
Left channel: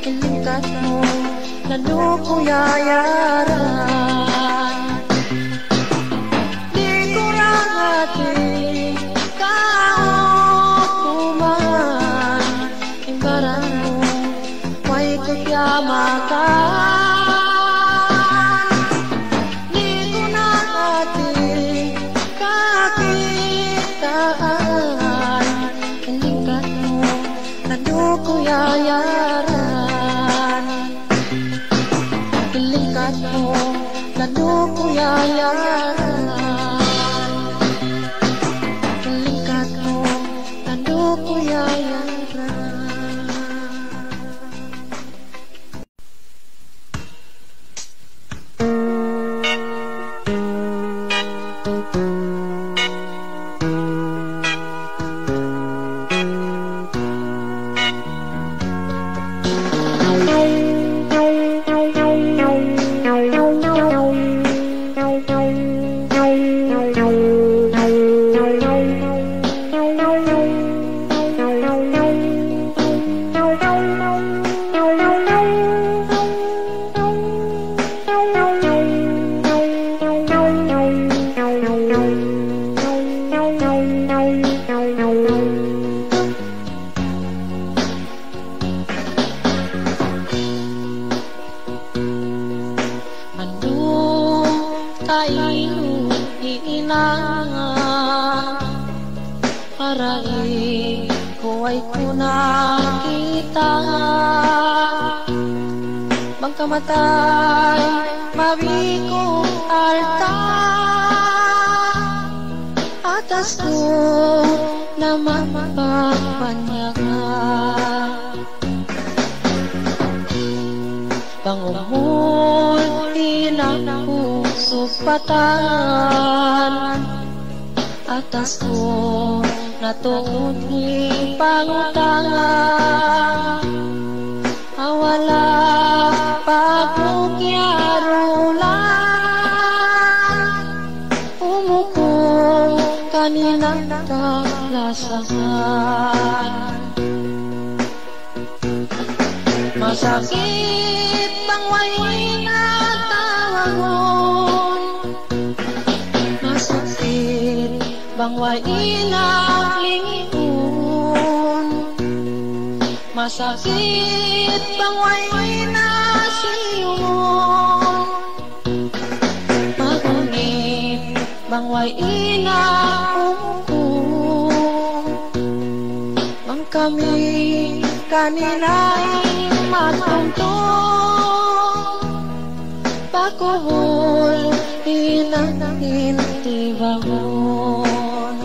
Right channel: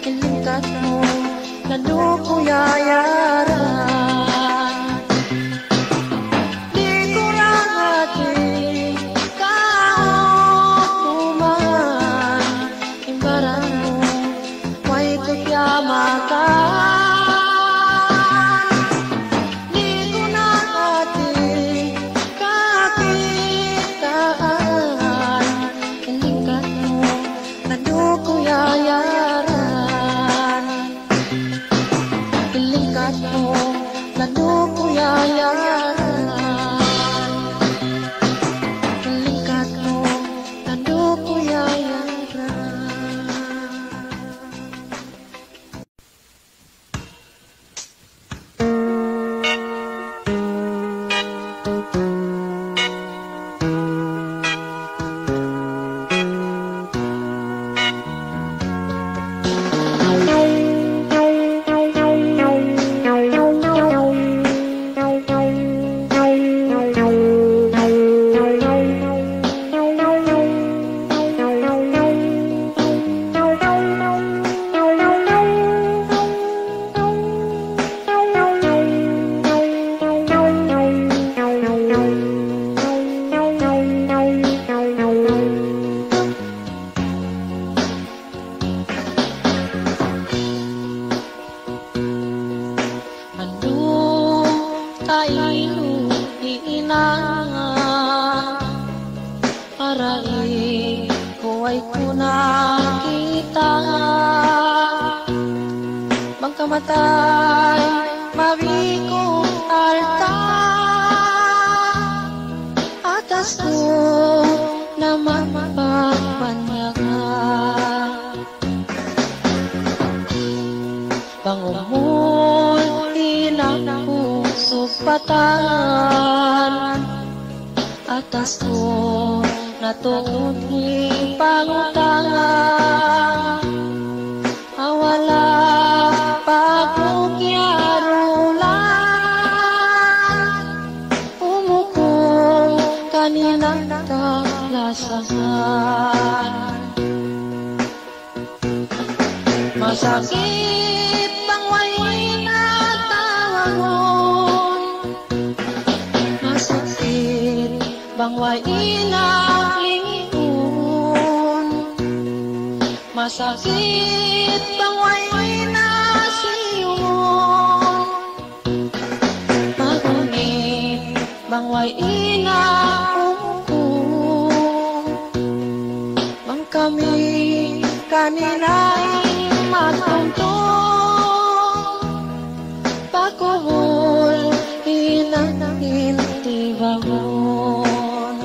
ilingkat mo lalo ko yayaran di ko rating kaupuman imbaran mo kay kutyamakan yayaran ilingkat mo lalo ko yayaran ilingkat mo lalo ko yayaran. kainu iinangan arai kuway kuna kita bangkamatay mabiko alta atas ko naman pagpanyaga pangumul inang supatan atas ko natuod ni pangutangan awala pagkukyarulan umukong kaninang kalasahan masakit bang way natawangon masakit bang way inalingon masakit bang way nasiyungon magunit bang way inaungkong bang kami kanina'y matungtong pakuhol inangin tibangon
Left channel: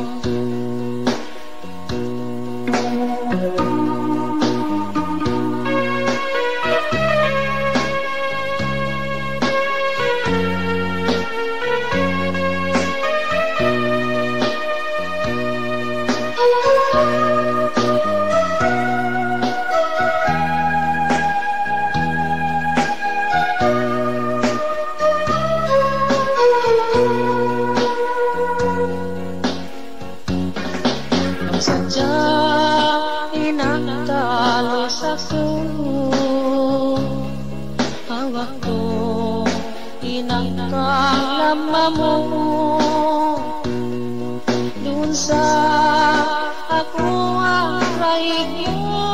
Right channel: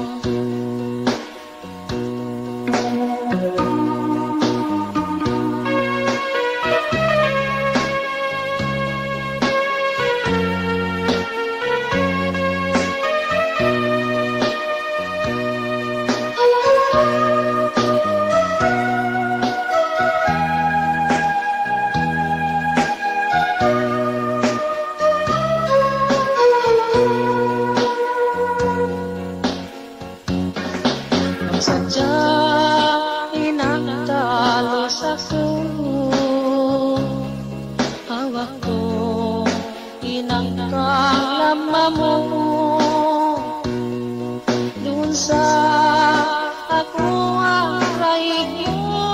sadya inagtalos ako hawak ko inagkalama mo dun sa ako ang raig mo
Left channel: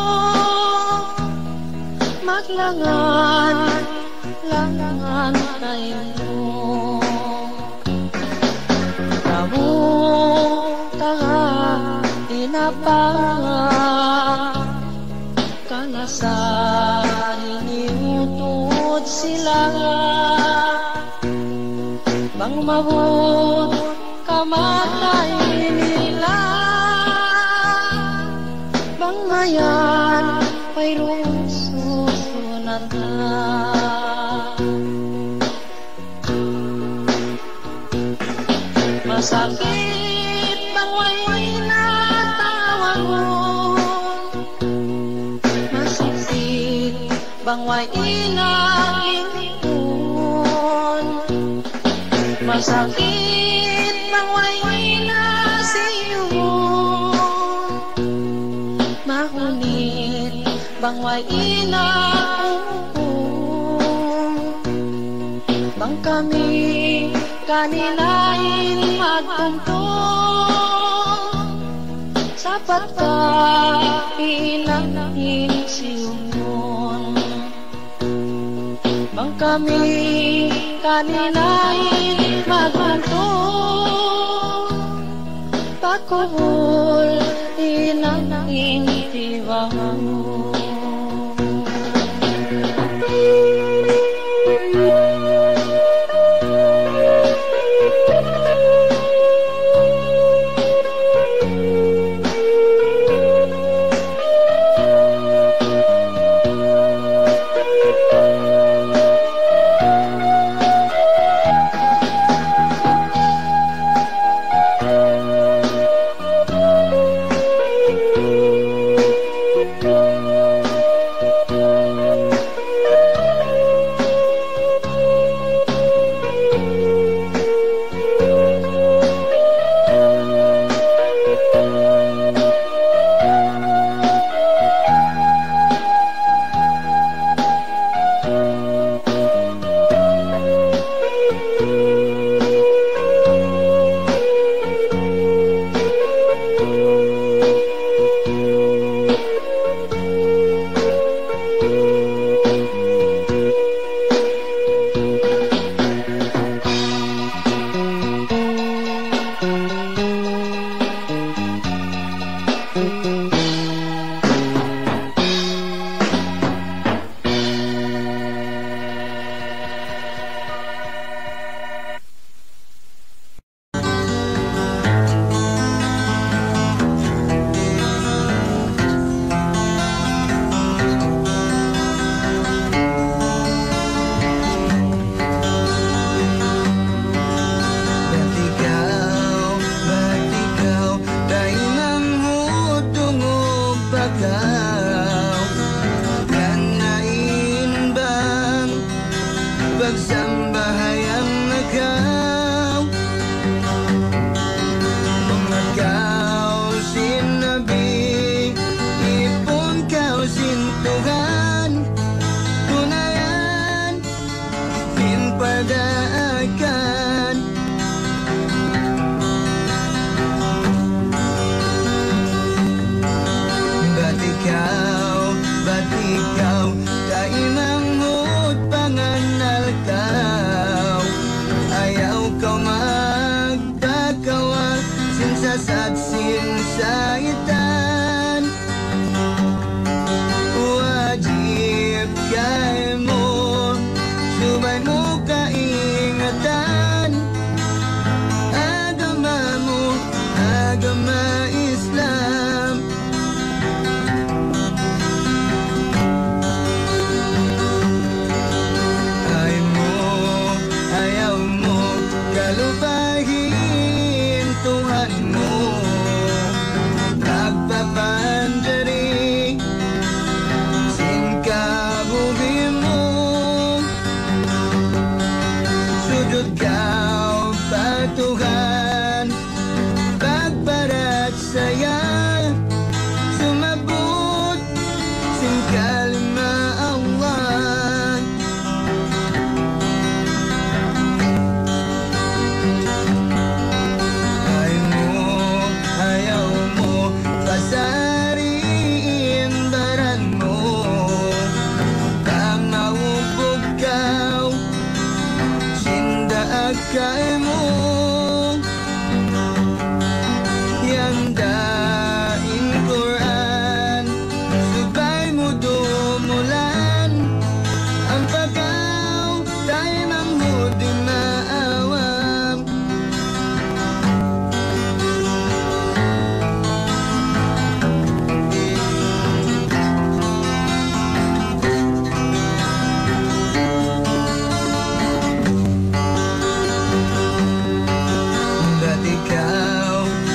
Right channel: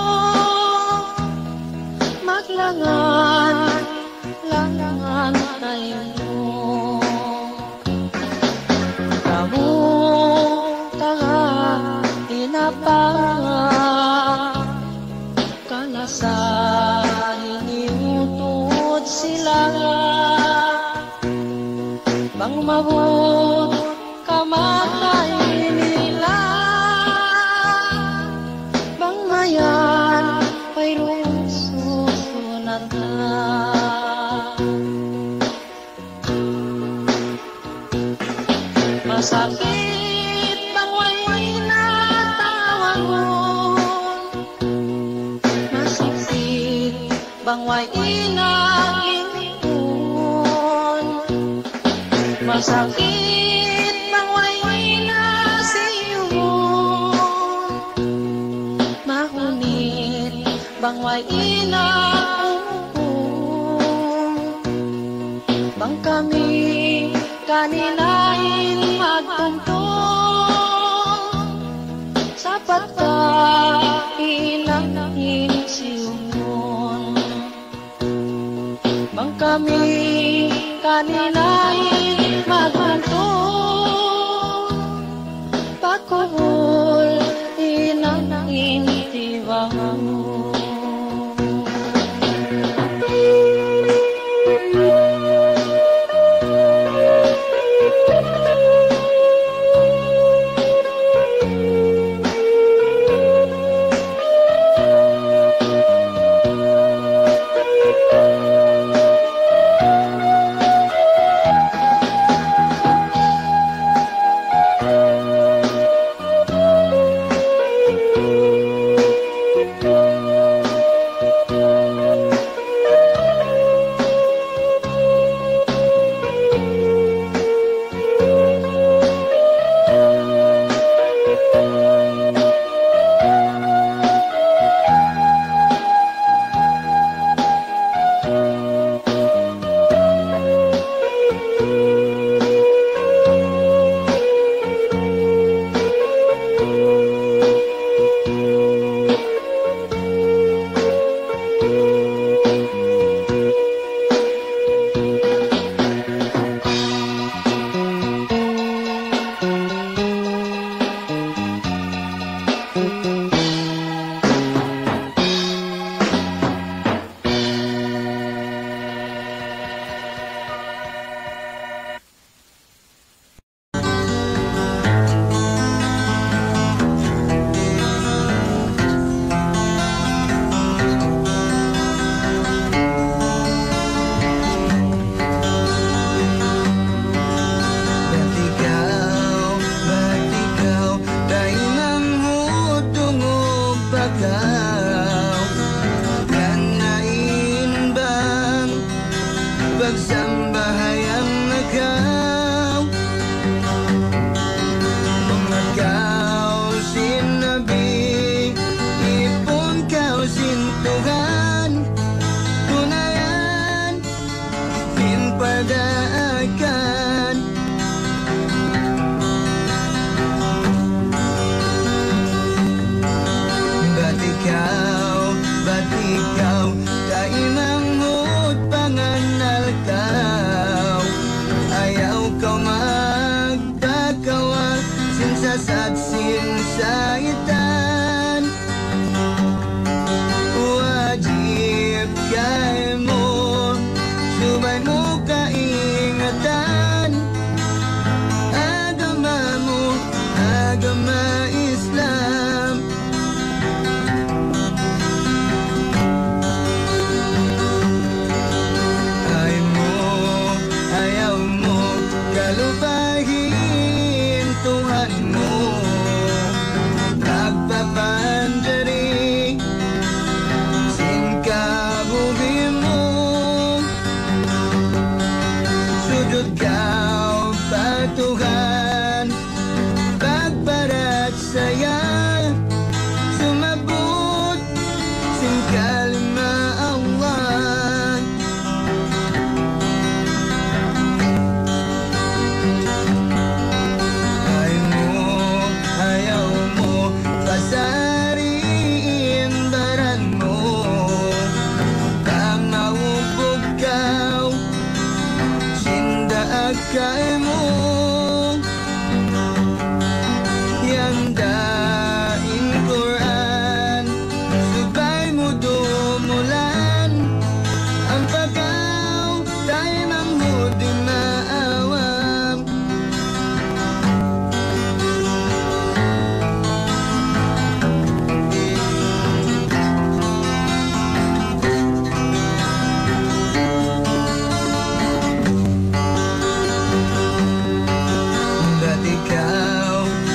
maglangan langan tayo kamu tahan inapang kalasahin iutod sila bang mabot kamatay nila bang mayan mayroong susunod na masakit bang way masakit bang way inalingon masakit bang way nasiyungon mahunit bang way inaungkong bang kami kaninain magtungtong sapat ka inangin siyungon bang kami kaninain magtungtong pakuhol inangin tibangon Ikaw patuhan pagparat saya sumabot sing kalima Allah. Ayaw mo pasariin baran mo pamaupog kaw sinda akay mo yandain Quran subay mo dumulan ang pagaw tayo mamudi maawam.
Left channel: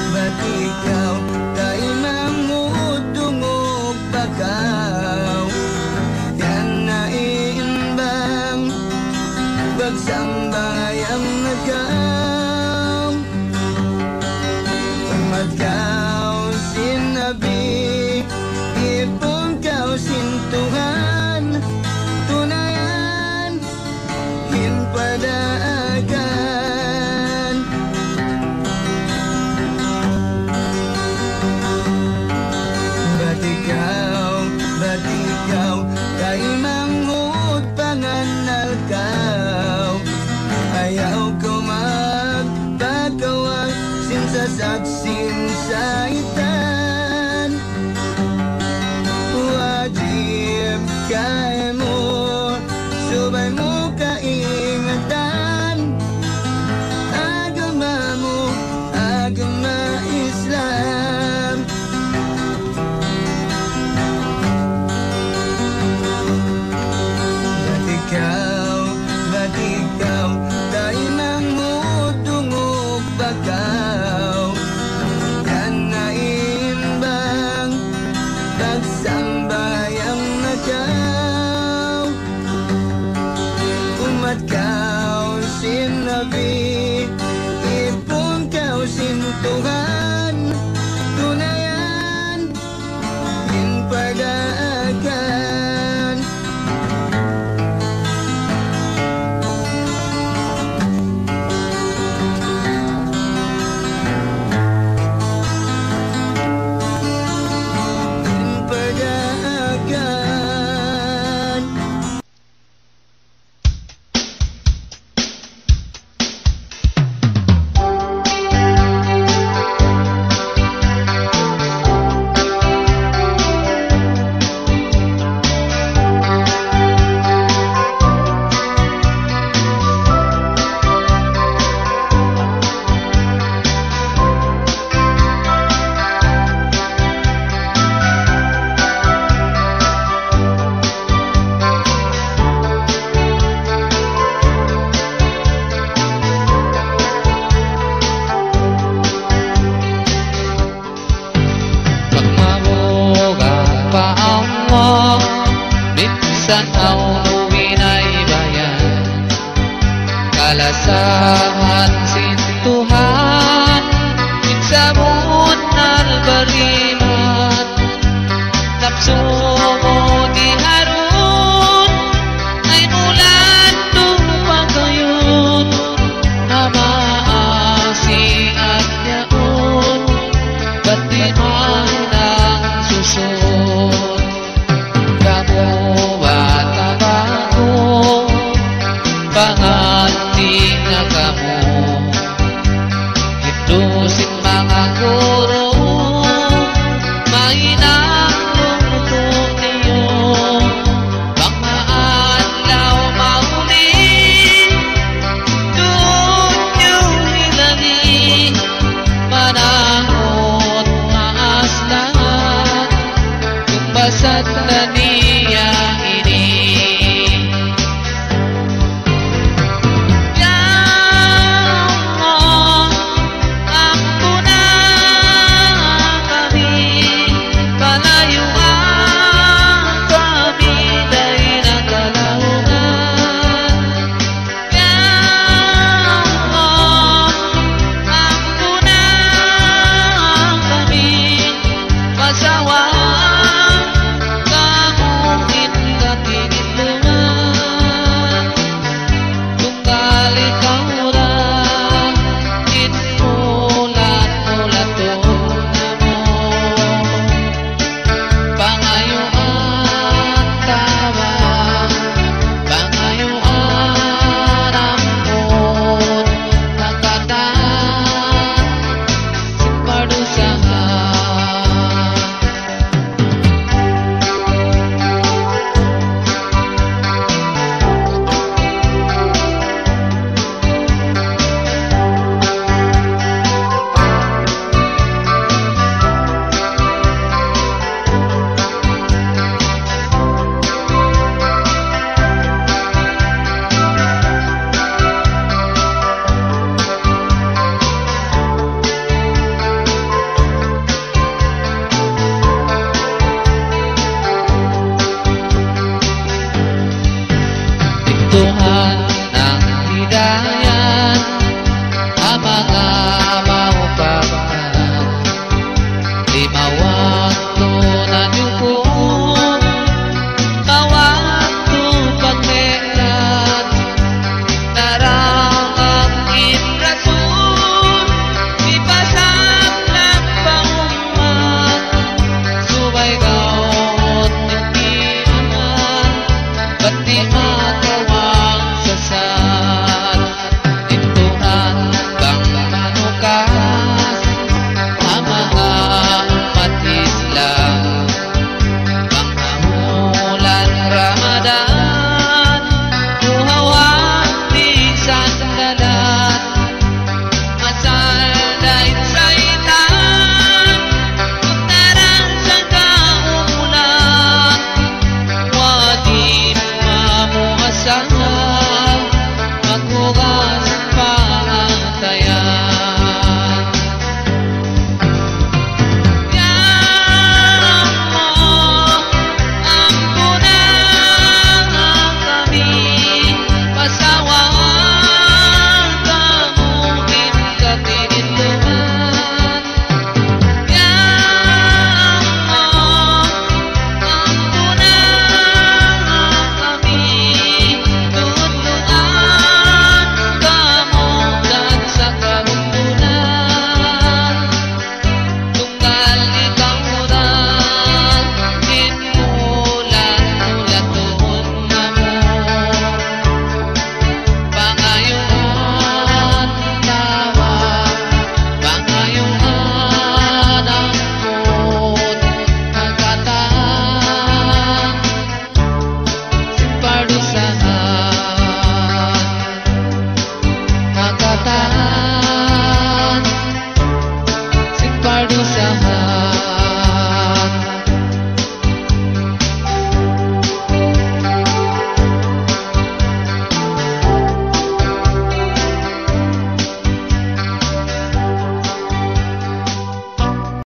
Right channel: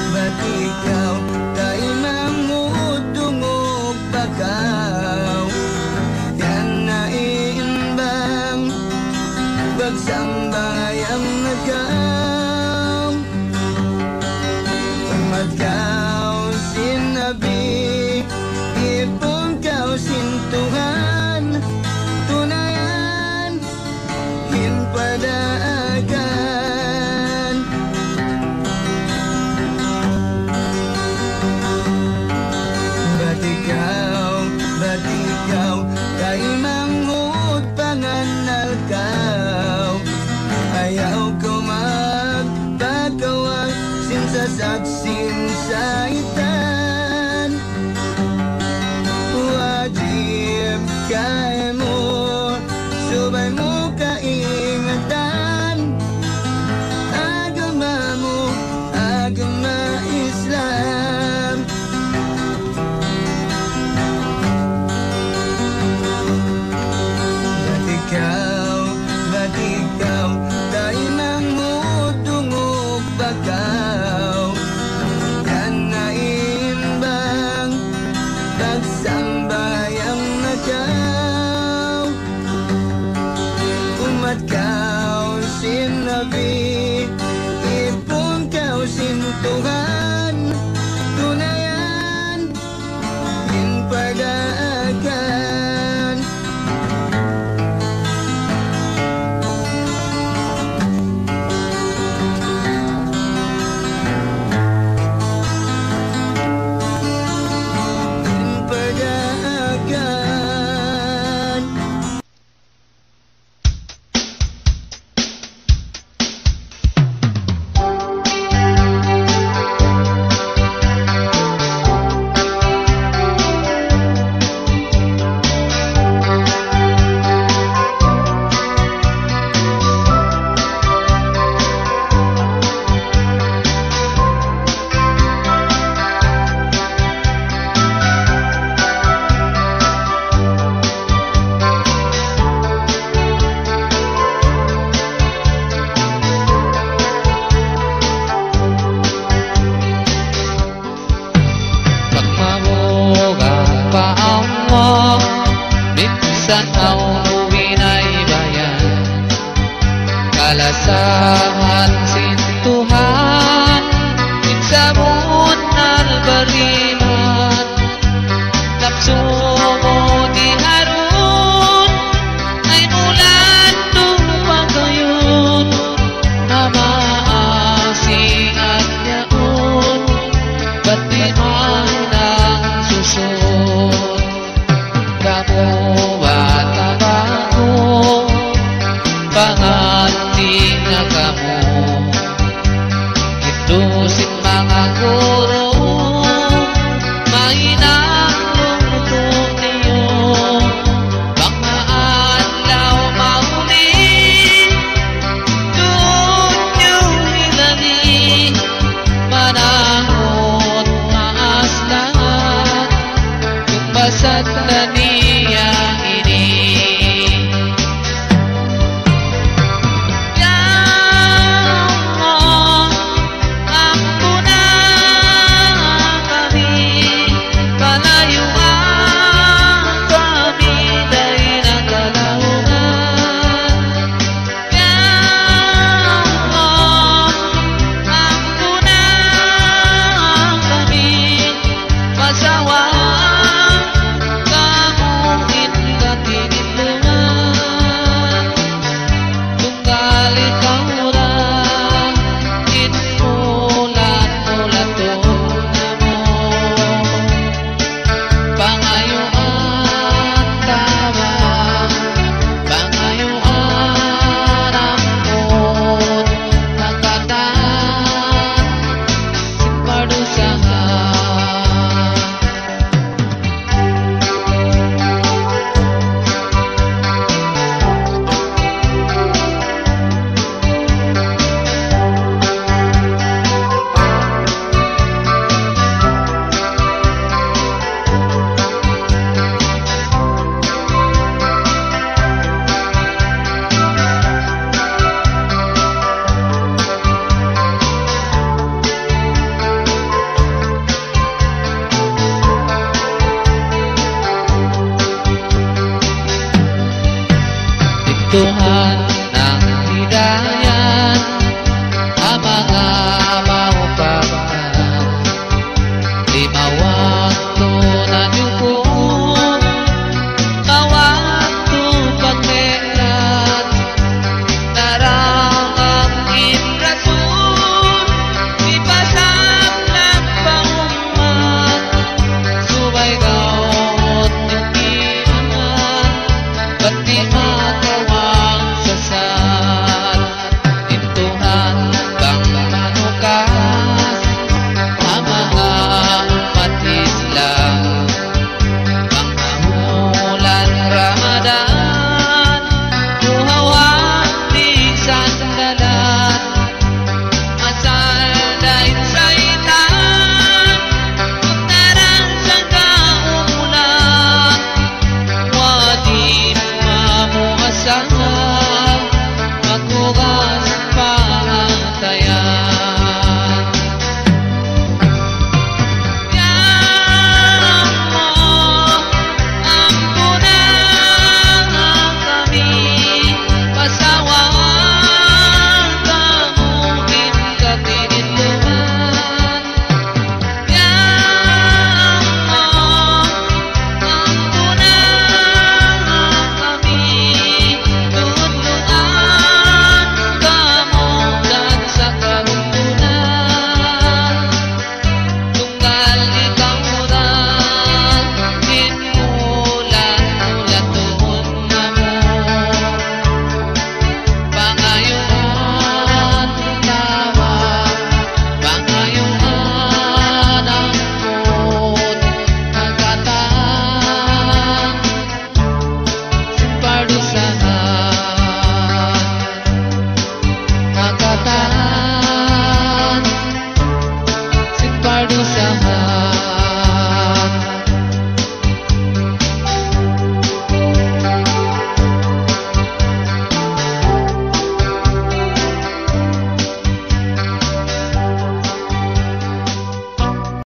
Ba't ikaw tayo mamudungog pagaw yan na iimbang pagsambay ang nagaw umagaw sinabi ipong kaw sintuhan tunayan hinpadaagan. Ba't ikaw kay manghud panganal kaw ayaw ko magpagawa sinsasaksin sa itan wajib kay mo subay mo kaingatan agama mo agama Islam. Ba't ikaw tayo mamudungog pagaw yan na iimbang pagsambay ang nagaw umatkaw sinabi ipong kaw sintuhan tunayan hinpadaagan. Minsan ang winaybayan kalasahan sintuhan minsamon albariman napso mo di harun ay mulan dumagayon namaasing at yaon ba't di man ang susun kamu bata bago panganting na kamu